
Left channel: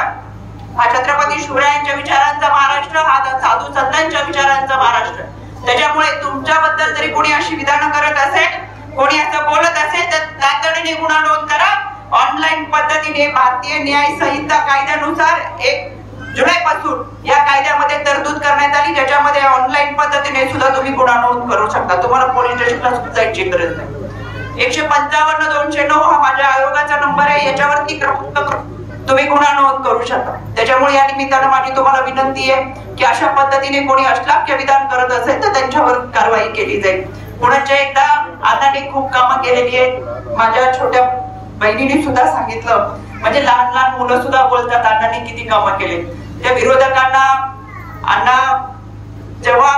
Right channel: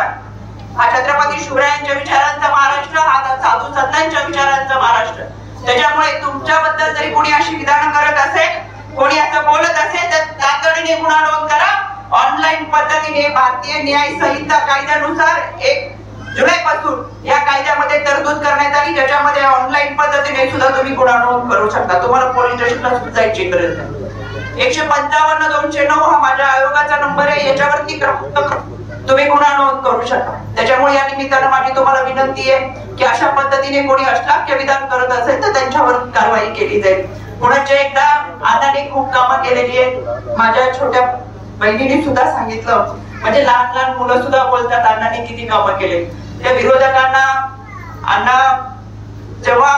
हा छत्रपती शिवरायांच्या विचारांचा महाराष्ट्र, हा साधू संतांच्या विचारांचा महाराष्ट्र. त्याच्यामुळे तुमच्याबद्दल जरी कोणी अशी विधान करत असेल, कोणी असं बोलत असेल तर तातडीने गुन्हा नोंद करा. ऑनलाईन पद्धतीने भारतीय न्याय संहिता कायद्यानुसार 1 जुलैपासून या कायद्यामध्ये तरतूद करण्यात आली, ज्याच्यामध्ये ऑनलाईन पद्धतीने सुद्धा तुम्ही गुन्हा नोंद करू शकता. तुम्हाला पोलीस स्टेशनला जायची गरज नाही. 155-209 हा माझ्या आयोगाचा नंबर आहे. याच्यावरती तुम्ही गुन्हा नोंद करू शकता. त्याच्यामुळे या निमित्तानं माझी तुम्हाला विनंती आहे की अशा पद्धतीने कोणी अश्लील विधान करत असेल तर त्यांच्यावर कारवाई केली जाईल. पुण्याच्या एकदा अण्णांनी खूप कामं केलेली आहेत. माझ्या छोट्या बहिणीने सुद्धा सांगितलं, म्हणजे लहान लहान मुलं सुद्धा बोलतात अण्णांनी किती कामं केले. त्या विरोधकांना अण्णा जेव्हा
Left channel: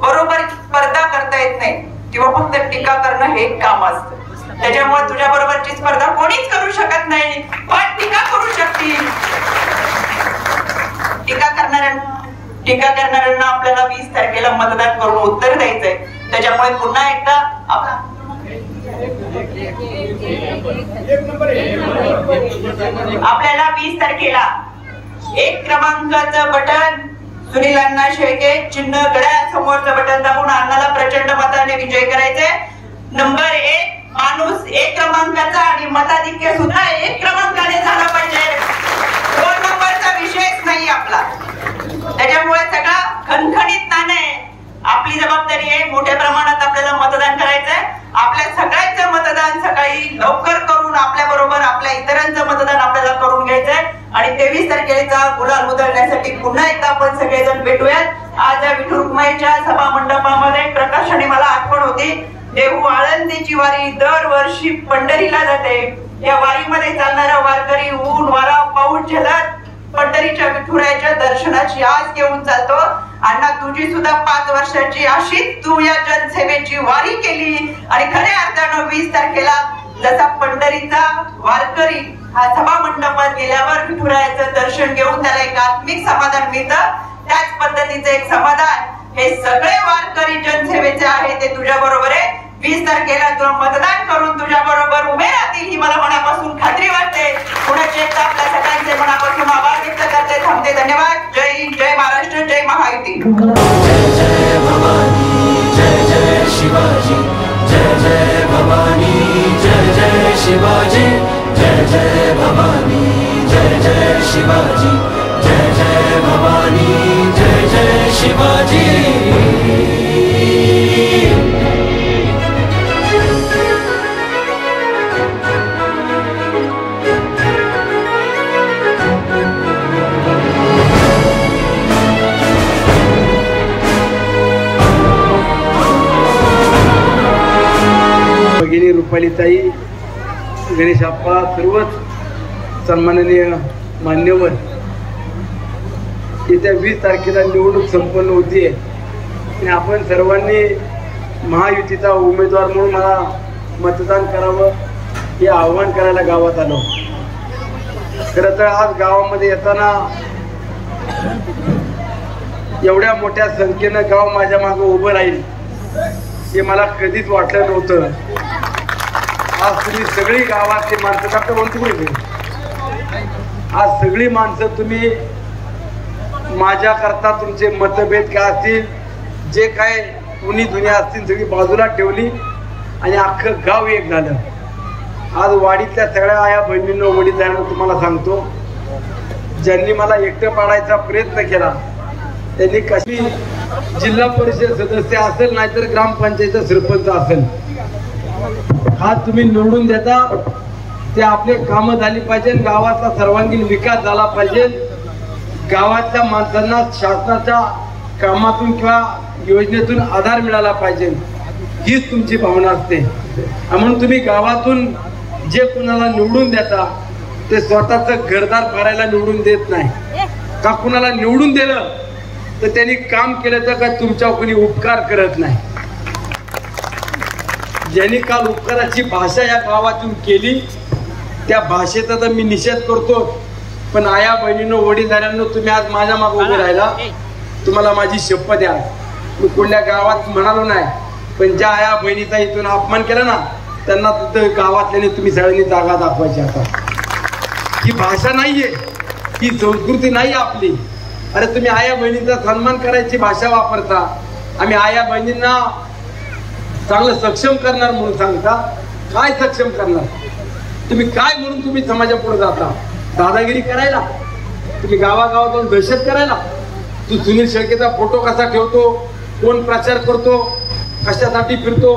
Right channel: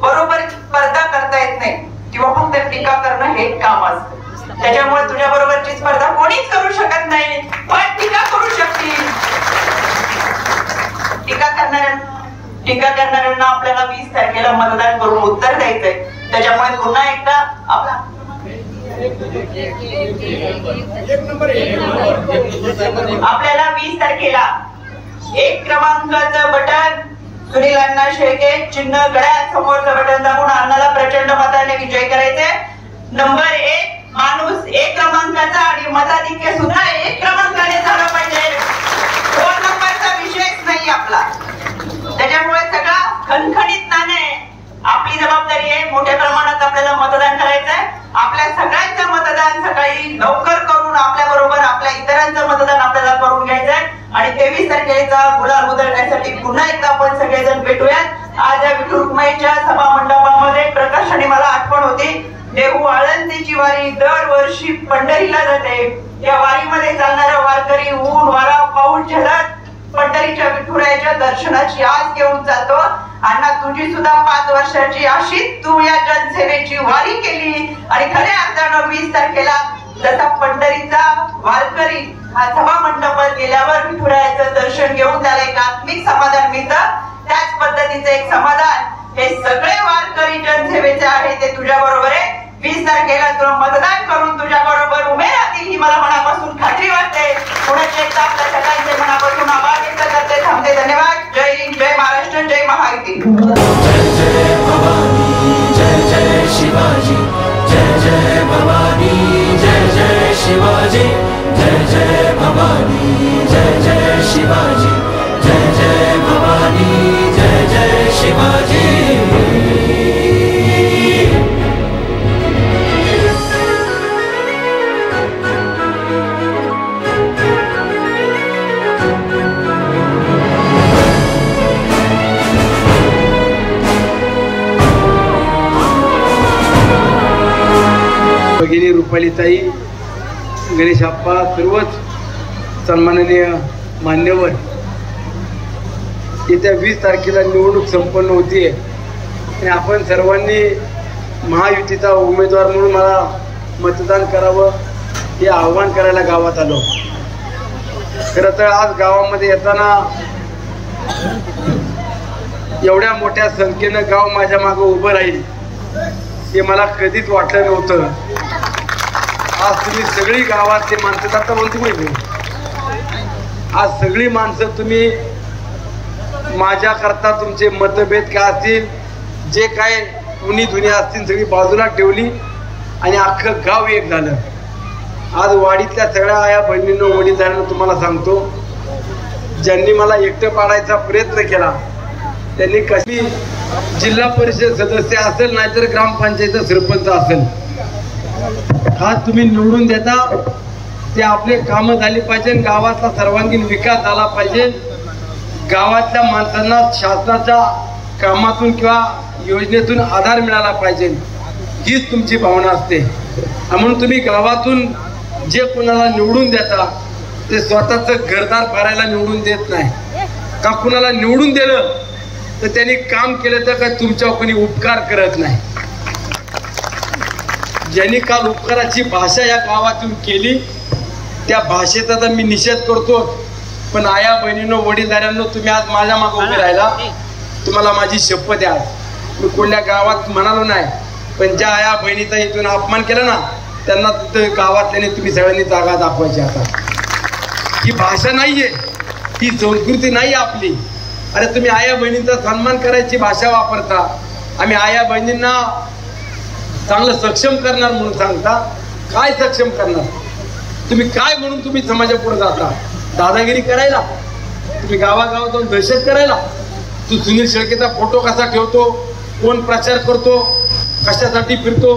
बरोबर स्पर्धा करता येत नाही किंवा फक्त टीका करणं हे काम असतं. त्याच्यामुळे तुझ्या बरोबरची स्पर्धा कोणीच करू शकत नाही, पण टीका करू शकतील. टीका करणाऱ्यांना आपल्याला 20 तारखेला मतदान करून उत्तर द्यायचंय. त्याच्यामुळे पुन्हा एकदा आपल्याला 20 तारखेला 1 क्रमांकाचं बटन सुनील अण्णा शेळके चिन्ह गळ्यात समोरचं बटन दाबून अण्णाला प्रचंड मताने विजय करायचे. नंबर 1 माणूस 1 क्रमांकाचा आणि मताधिक्य सुद्धा 1 क्रमांकाने झाला पाहिजे. 2 नंबरचा विषयच नाही आपला. त्याच्यामुळे सगळा खणखणीतपणे आपली जबाबदारी आहे. मोठ्या प्रमाणात आपल्याला मतदान करायचंय. आपल्या सगळ्यांचं मतदान सकाळी लवकर करून आपल्या बरोबर आपल्या इतरांचं मतदान आपल्याला करून घ्यायचंय आणि 23 तारखेचा गुलाल उधळण्यासाठी पुन्हा एकदा आपण सगळेजण भेटूयात. आज विठू रुक्माईच्या सभा मंडपामध्ये प्रकाशाने मला आठवण होती. देहू आळंदीची वारी दरवर्षी पंढरीला जाते. या वारीमध्ये चालणारा वारकरी ऊन वारा पाऊस झेलत पंढरीच्या विठुरायाच्या दर्शनाची आस घेऊन जातो. अण्णा तुझी सुद्धा 5 वर्षाची अशीच तू या जनसेवेची वारी केली आणि खऱ्या अर्थानं 20 तारखेला जसा पंढरीचा वारकरी सभा मंडपात गेल्यावर विठुरायाचं दर्शन घेऊन त्याला एक आत्मिक समाधान मिळतं, त्याच पद्धतीचं एक समाधान हे सगळे वारकरी जनसेवेचे आहे. ते तुझ्या बरोबर आहे. 20 तारखेला तुला मतदान करून तुझ्या बरोबर उभे राहतील ही मला मनापासून खात्री वाटते. पुण्याचे एकदा आपल्या सगळ्यांचे मनापासून आभार व्यक्त करते. थांबते. धन्यवाद. जय हिंद, जय महाराष्ट्र, जय महायुती. जय जय भवानी, जय जय शिवाजी, जय जय भवानी, जय जय शिवाजी, जय जय भवानी, जय जय शिवाजी, जय जय भवानी, जय जय शिवाजी. भगिनी रुपालीताई, गणेश आप्पा, सर्वच सन्माननीय मान्यवर, येत्या 20 तारखेला निवडणूक संपन्न होतीये आणि आपण सर्वांनी महायुतीचा उमेदवार म्हणून मला मतदान करावं हे आव्हान करायला गावात आलो. खरं तर आज गावामध्ये येताना एवढ्या मोठ्या संख्येनं गाव माझ्या मागे उभं राहील हे मला कधीच वाटलं नव्हतं. आज तुम्ही सगळी गावातली माणसं आता बोलते माहिती, आज सगळी माणसं तुम्ही माझ्या करता तुमचे मतभेद काय असतील, जे काय उनी दुनिया असतील, सगळी बाजूला ठेवली आणि अख्खं गाव एक झालं. आज वाडीतल्या सगळ्या आया बहिणींनो, वडीलधाऱ्यांनो तुम्हाला सांगतो, ज्यांनी मला एकटं पाडायचा प्रयत्न केला त्यांनी कशी जिल्हा परिषद सदस्य असेल नाहीतर ग्रामपंचायत सरपंच असेल, हा तुम्ही निवडून देता, ते आपले कामं झाली पाहिजे, गावाचा सर्वांगीण विकास झाला पाहिजे, गावातल्या माणसांना शासनाच्या कामातून किंवा योजनेतून आधार मिळाला पाहिजे, हीच तुमची भावना असते. म्हणून तुम्ही गावातून जे कोणाला निवडून देता ते स्वतःचं घरदार भरायला निवडून देत नाही. का कुणाला निवडून दिलं तर त्यांनी काम केलं तर काय तुमच्यावर कोणी उपकार करत नाही. ज्यांनी काल उपकाराची भाषा या गावातून केली त्या भाषेचा तर मी निषेध करतो, पण आया बहिणींनो, वडीलधाऱ्यांनो, तुम्ही आज माझ्या मागे उभे राहिला, तुम्हाला माझी शपथ आहे. मी कोणत्या गावात म्हणालो नाही, पण ज्या आया बहिणीचा इथून अपमान केला ना त्यांना तिथं गावातल्याने तुम्ही सगळ्यांनी जागा दाखवायची. आता ही भाषा नाहीये, ही संस्कृती नाही आपली. अरे तुम्ही आया बहिणींचा सन्मान करायची भाषा वापरता, आम्ही आया बहिणींना चांगलं सक्षम करणार म्हणून सांगता. काय सक्षम करणार तुम्ही? काय म्हणून तुम्ही समाजापुढे जाता? दादागिरी करायला? तुम्ही गावागावात जाऊन दहशत करायला? तू सुनील शेळकेचा फोटो कसा ठेवतो, कोण प्रचार करतो, कशासाठी फिरतो,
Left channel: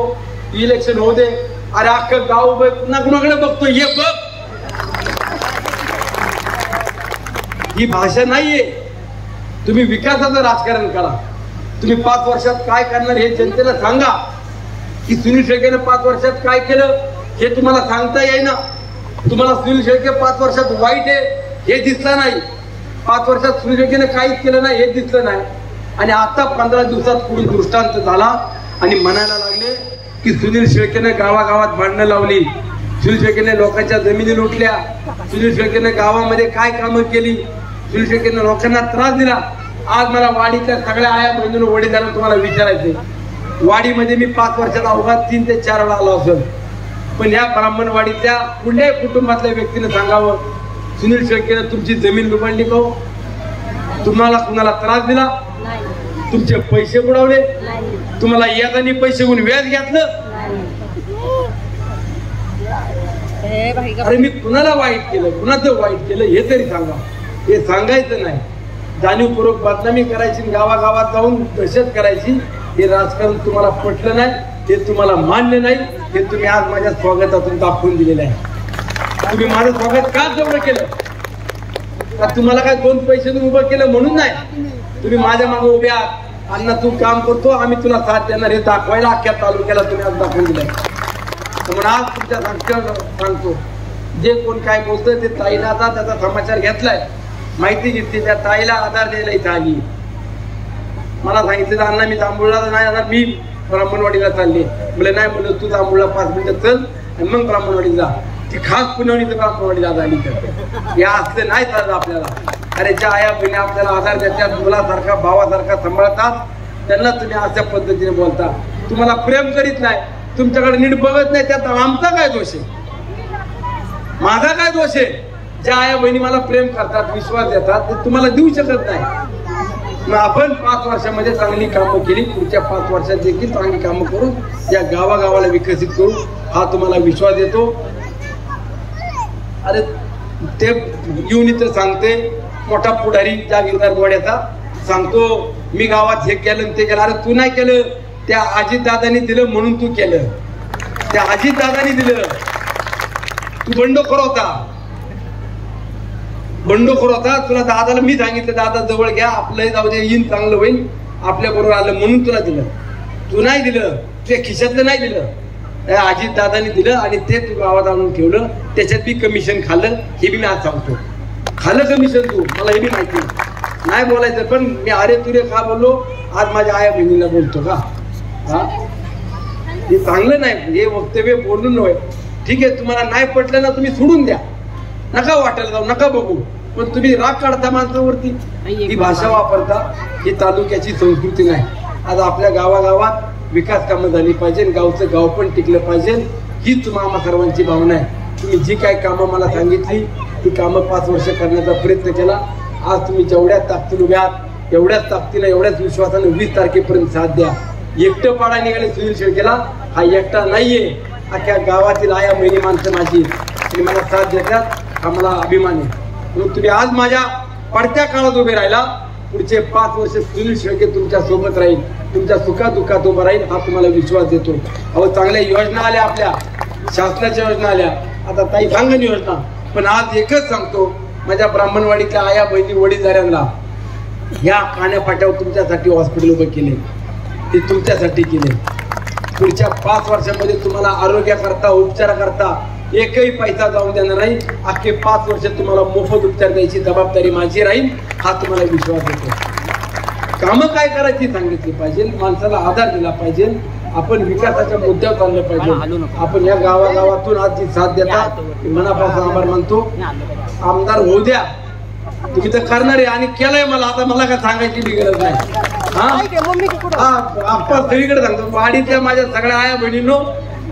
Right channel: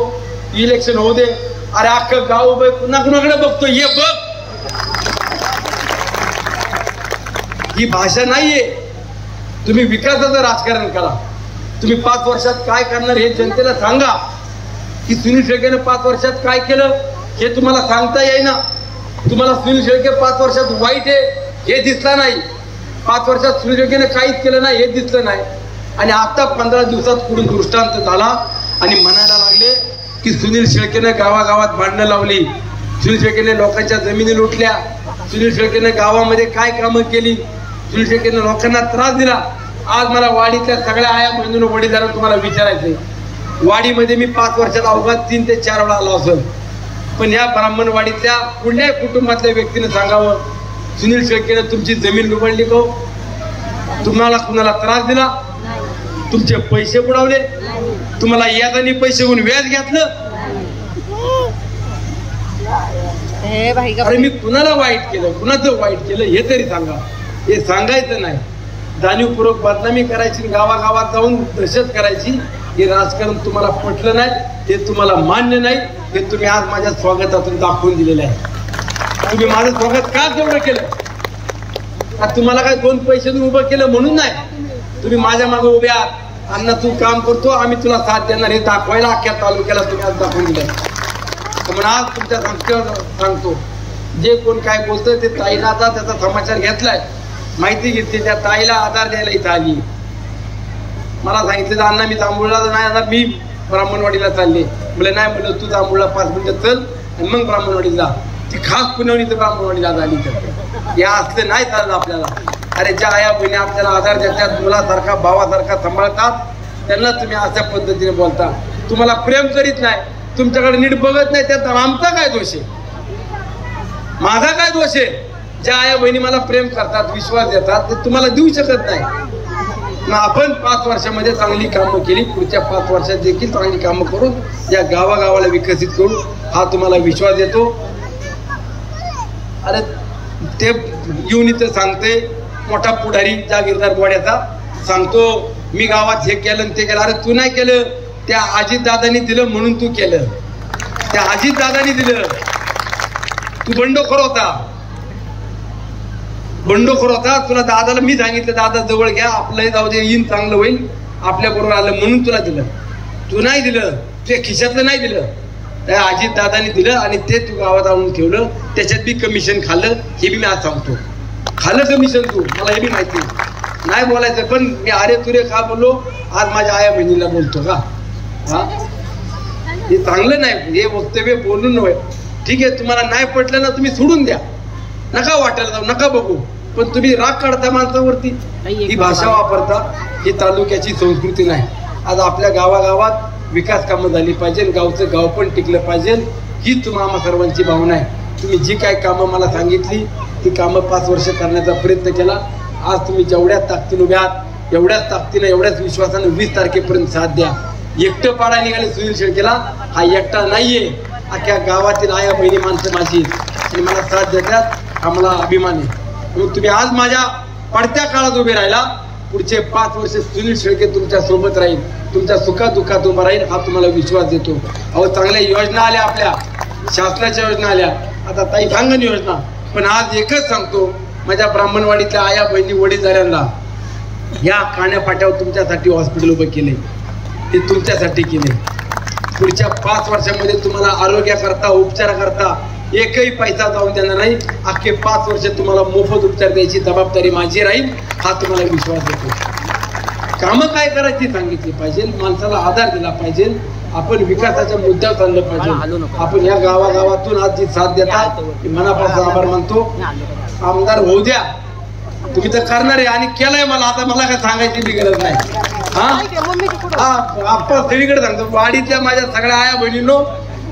इलेक्शन होऊ दे, अरे अख्खं गाव उभं पुन्हा कुणाकडे बघतो, हे बघ. ही भाषा नाहीये. तुम्ही विकासाचं राजकारण करा. तुम्ही 5 वर्षात काय करणार हे जनतेला सांगा. की सुनील शेळकेने 5 वर्षात काय केलं हे तुम्हाला सांगता येईना. तुम्हाला सुनील शेळके 5 वर्षात वाईट आहे हे दिसलं नाही, 5 वर्षात सुनील शेळकेने काहीच केलं नाही हे दिसलं नाही, आणि आता 15 दिवसात पुढून दृष्टांत झाला आणि म्हणायला लागले की सुनील शेळकेने गावागावात भांडणं लावली, सुनील शेळकेने लोकांच्या जमिनी लुटल्या, सुनील शेळकेने गावामध्ये काय कामं केली, सुनील शेळकेने लोकांना त्रास दिला. आज मला वाडीतल्या सगळ्या आया बहिणींनो, वडीलधाऱ्यांना तुम्हाला विचारायचंय, वाडीमध्ये मी 5 वर्षात अवघात 3 ते 4 वेळा आलो असेल, पण या ब्राह्मणवाडीतल्या कुठल्याही कुटुंबातल्या व्यक्तीने सांगावं सुनील शेळकेने तुमची जमीन लुबाडली का? तुम्हाला कुणाला त्रास दिला? तुमचे पैसे बुडवले? तुम्हाला यादानी पैसे होऊन व्याज घेतलं? अरे मी कुणाला वाईट केलं, कुणाचं वाईट केलं हे तरी सांगा. हे सांगायचं नाही, जाणीवपूर्वक बदनामी करायची, गावागावात जाऊन दहशत करायची, हे राजकारण तुम्हाला पटलं नाही, हे तुम्हाला मान्य नाही, हे तुम्ही आज माझ्या स्वागतातून दाखवून दिलेलं आहे. तुम्ही माझं स्वागत का तेवढं केलं? का तुम्हाला काय 2 पैसे उभं केलं म्हणून नाही? तुम्ही माझ्या मागे उभे आहात, अण्णा तू काम करतो, आम्ही तुला साथ देणार हे दाखवायला अख्ख्या तालुक्याला तुम्ही आज दाखवून दिलंय. म्हणून आज तुमच्या सांगतो, जे कोण काय बोलतोय ते ताईला आता त्याचा समाचार घेतलाय, माहिती घेतली, त्या ताईला आधार द्यायला इथं आली. मला सांगितलं अण्णा मी जांभूळला नाही येणार, मी ब्राह्मणवाडीला चालले. म्हणजे नाही म्हणलं तू जांभूळला 5 मिनिटं चल आणि मग ब्राह्मणवाडीला जा. ती खास पुण्यावणी तर ब्राह्मणवाडीला झाली. तर या असलं नाही चाललं आपल्याला. अरे ज्या आया बहिणी आपल्याला आधार देतात, मुलासारखा भावासारखा सांभाळतात, त्यांना तुम्ही अशा पद्धतीने बोलता. तुम्हाला प्रेम करीत नाही, तुमच्याकडे नीट बघत नाही, त्यात आमचा काय दोष आहे? माझा काय दोष आहे? ज्या आया बहिणी मला प्रेम करतात, विश्वास देतात, ते तुम्हाला देऊ शकत नाही. आपण 5 वर्षामध्ये चांगली कामं केली, पुढच्या 5 वर्षात देखील चांगली कामं करून या गावागावाला विकसित करू, हा तुम्हाला विश्वास देतो. अरे ते येऊन इथं सांगते, मोठा पुढारी जागीरदार गोड्याचा सांगतो मी गावात हे केलं ते केलं. अरे तू नाही केलं, त्या अजितदादांनी दिलं म्हणून तू केलं. त्या अजितदादांनी दिलं. तू बंडखोर होता, बंडखोर होता. तुला दादाला मी सांगितलं दादा जवळ घ्या, आपलं जाऊ दे, येईन चांगलं होईल, आपल्या बरोबर आलं म्हणून तुला दिलं. तू नाही दिलं, तुझ्या खिशातलं नाही दिलं, त्या अजित दादांनी दिलं आणि ते तू गावात आणून ठेवलं. त्याच्यात बी कमिशन खाल्लं, हे बी मी आज सांगतो. खाल्लं कमिशन तू, मला हे बी माहिती नाही बोलायचं, पण मी अरे तुरे का बोललो, आज माझ्या आया बहिणीला बोलतो का? हा, हे चांगलं नाही, हे वक्तव्य बोलून नव्हे. ठीक आहे, तुम्हाला नाही पटलं ना तुम्ही सोडून द्या, नका वाटायला जाऊ, नका बघू, पण तुम्ही राग काढता माणसावरती, ही भाषा वापरता, ही तालुक्याची संस्कृती नाही. आज आपल्या गावागावात विकास कामं झाली पाहिजे, गावचं गाव पण टिकलं पाहिजे, ही तुम्हाला सर्वांची भावना आहे. तुम्ही जी काय कामं मला सांगितली ती कामं 5 वर्ष करण्याचा प्रयत्न केला. आज तुम्ही जेवढ्या ताकदीने उभ्या आहात, एवढ्याच ताकदीने एवढ्याच विश्वासाने 20 तारखेपर्यंत साथ द्या. एकटं पाडा निघाले सुनील शेळकेला, हा एकटा नाहीये, अख्ख्या गावातील आया बहिणी माणसं माझी आणि मला साथ देतात, हा मला अभिमान आहे. मग तुम्ही आज माझ्या पडत्या काळात उभे राहिला, पुढचे 5 वर्ष सुनील शेळके तुमच्या सोबत राहील, तुमच्या सुखात दुःखात उभा राहील, हा तुम्हाला विश्वास देतो. अहो चांगल्या योजना आल्या, आपल्या शासनाच्या योजना आल्या, आता ताई सांगन योजना. पण आज एकच सांगतो, माझ्या ब्राह्मणवाडीतल्या आया बहिणी वडीलधाऱ्यांना, या काण्यापाट्यावर तुमच्यासाठी हॉस्पिटल उभं केले, ते तुमच्यासाठी केले. पुढच्या 5 वर्षामध्ये तुम्हाला आरोग्याकरता उपचाराकरता एकही पैसा जाऊन देणार नाही. अख्खे 5 वर्ष तुम्हाला मोफत उपचार द्यायची जबाबदारी माझी राहील, हा तुम्हाला विश्वास देतो. कामं काय करायची सांगितली पाहिजे, माणसाला आधार दिला पाहिजे, आपण विकासाच्या मुद्द्यावर चाललं पाहिजे. आपण या गावागावातून आज जी साथ देतात मनापासून आभार मानतो. आमदार होऊ द्या, तुम्ही तर करणार आहे आणि केलंय, मला आता मला काय सांगायची बी गरज नाही. आपण सगळीकडे सांगतो, वाडीतल्या माझ्या सगळ्या आया बहिणींनो,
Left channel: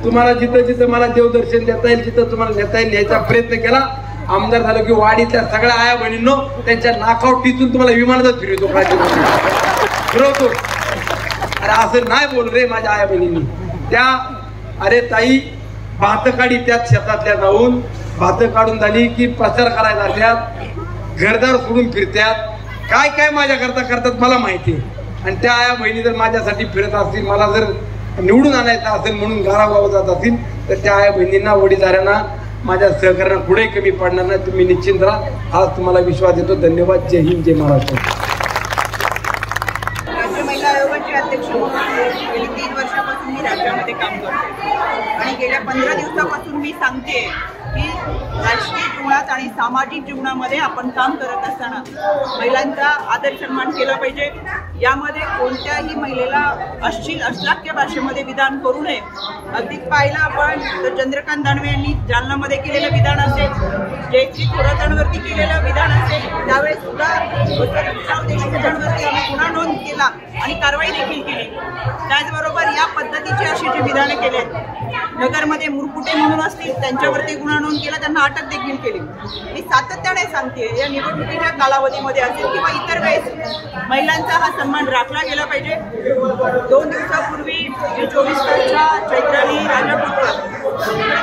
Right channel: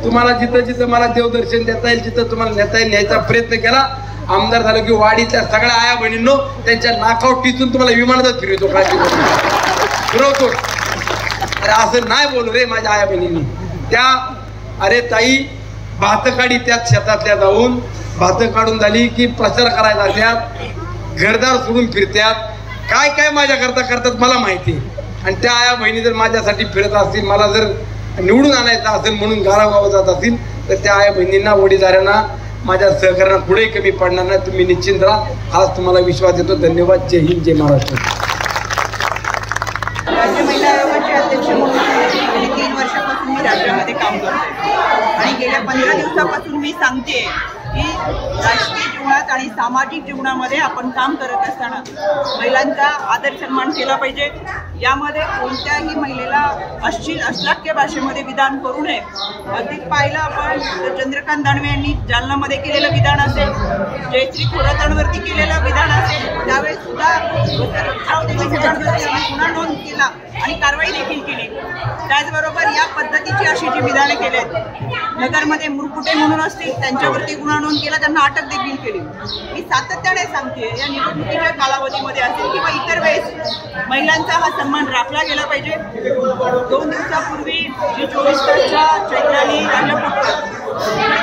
तुम्हाला जिथं जिथं मला देवदर्शन देता येईल, जिथं तुम्हाला नेता येईल, न्यायचा प्रयत्न केला. आमदार झालं की वाडीतल्या सगळ्या आया बहिणींनो त्यांच्या नाकावर टिचून तुम्हाला विमानातच फिरवतो, फिरवतो. अरे असं नाही बोलू रे माझ्या आया बहिणींनी. त्या अरे ताई भात काढी त्यात शेतातल्या जाऊन भात काढून झाली की प्रचार करायला लागल्यात, घरदार सोडून फिरत्यात, काय काय माझ्या करता करतात मला माहिती. आणि त्या आया बहिणी जर माझ्यासाठी फिरत असतील, मला जर निवडून आणायचं असेल म्हणून गावागाव जात असतील, तर त्या आया बहिणींना वडीलधाऱ्यांना माझ्या सहकार्याला पुढे कमी पडणार नाही. तुम्ही निश्चिंत राहा, आज तुम्हाला विश्वास देतो. धन्यवाद. जय हिंद, जय महाराष्ट्र. राज्य महिला आयोगाचे अध्यक्ष म्हणून गेली 3 वर्षापासून मी राज्यामध्ये काम करते आणि गेल्या 15 दिवसापासून मी सांगते की राजकीय जीवनात आणि सामाजिक जीवनामध्ये आपण काम करत असताना महिलांचा आदर सन्मान केला पाहिजे. यामध्ये कोणत्याही महिलेला अश्लील भाषेमध्ये विधान करू नये. अगदी पाहिलं आपण तर चंद्रकांत दानवे यांनी जालनामध्ये केलेलं विधान असेल, जयश्री खोरातांवरती केलेलं विधान असेल, त्यावेळेस सुद्धा देशमुखांवरती आम्ही गुन्हा नोंद केला आणि कारवाई देखील केली. त्याचबरोबर या पद्धतीची अशी जी विधाने केली आहेत, नगरमध्ये मुरकुटे म्हणून असतील त्यांच्यावरती गुन्हा नोंद केला, त्यांना अटक देखील केली. मी सातत्याने सांगते, या निवडणुकीच्या कालावधीमध्ये असेल किंवा इतर वेळेस महिलांचा हा सन्मान राखला गेला पाहिजे. 2 दिवसापूर्वी जी 24 तासच्या चैत्राली राजापूरकर,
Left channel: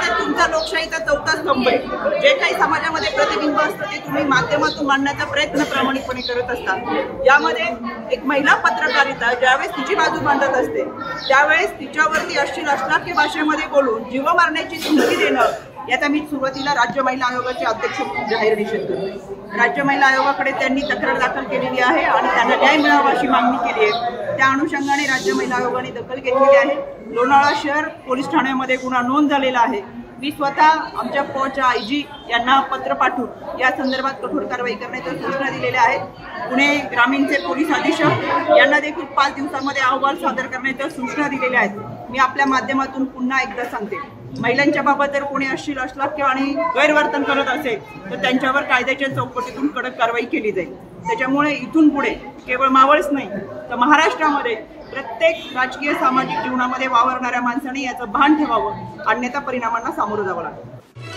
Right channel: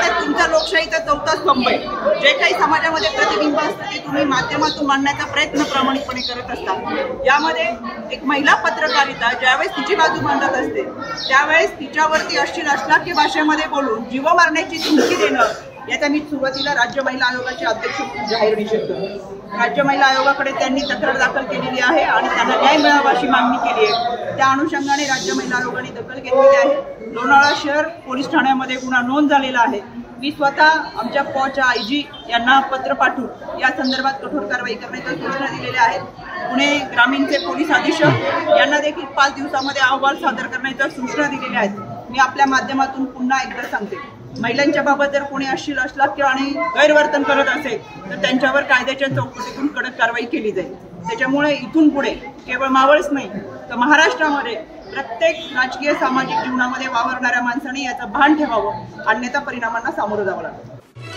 तर तुमचा लोकशाहीचा 4था स्तंभ आहे. जे काही समाजामध्ये प्रतिबिंब असतं ते तुम्ही माध्यमातून मांडण्याचा प्रयत्न प्रामाणिकपणे करत असता. यामध्ये एक महिला पत्रकारिता ज्यावेळेस तिची बाजू मांडत असते त्यावेळेस तिच्यावरती अश्लील भाषेमध्ये बोलून जीव मारण्याची धमकी देणं, याचा मी सुरुवातीला राज्य महिला आयोगाचे अध्यक्ष म्हणून जाहीर निषेध करतो. राज्य महिला आयोगाकडे त्यांनी तक्रार दाखल केलेली आहे आणि त्यांना न्याय मिळावा अशी मागणी केली आहे. त्या अनुषंगाने राज्य महिला आयोगाने दखल घेतलेली आहे. लोणावळा शहर पोलीस ठाण्यामध्ये गुन्हा नोंद झालेला आहे. मी स्वतः आमच्या पॉच्या आयजी यांना पत्र पाठवून या संदर्भात कठोर कारवाई करण्याच्या सूचना दिलेल्या आहेत. पुणे ग्रामीणचे पोलीस अधीक्षक यांना देखील 5 दिवसामध्ये अहवाल सादर करण्याच्या सूचना दिलेल्या आहेत. मी आपल्या माध्यमातून पुन्हा एकदा सांगते, महिलांच्या बाबत जर कोणी अश्लील आणि गैरवर्तन करत असेल तर त्यांच्यावर कायद्याच्या चौकटीतून कडक कारवाई केली जाईल. त्याच्यामुळे इथून पुढे केवळ मावळच नाही तर महाराष्ट्रामध्ये प्रत्येक राजकीय सामाजिक जीवनामध्ये वावरणाऱ्या माणसाने याचं भान ठेवावं, अन्यथा परिणामांना सामोरं जावं लागतं.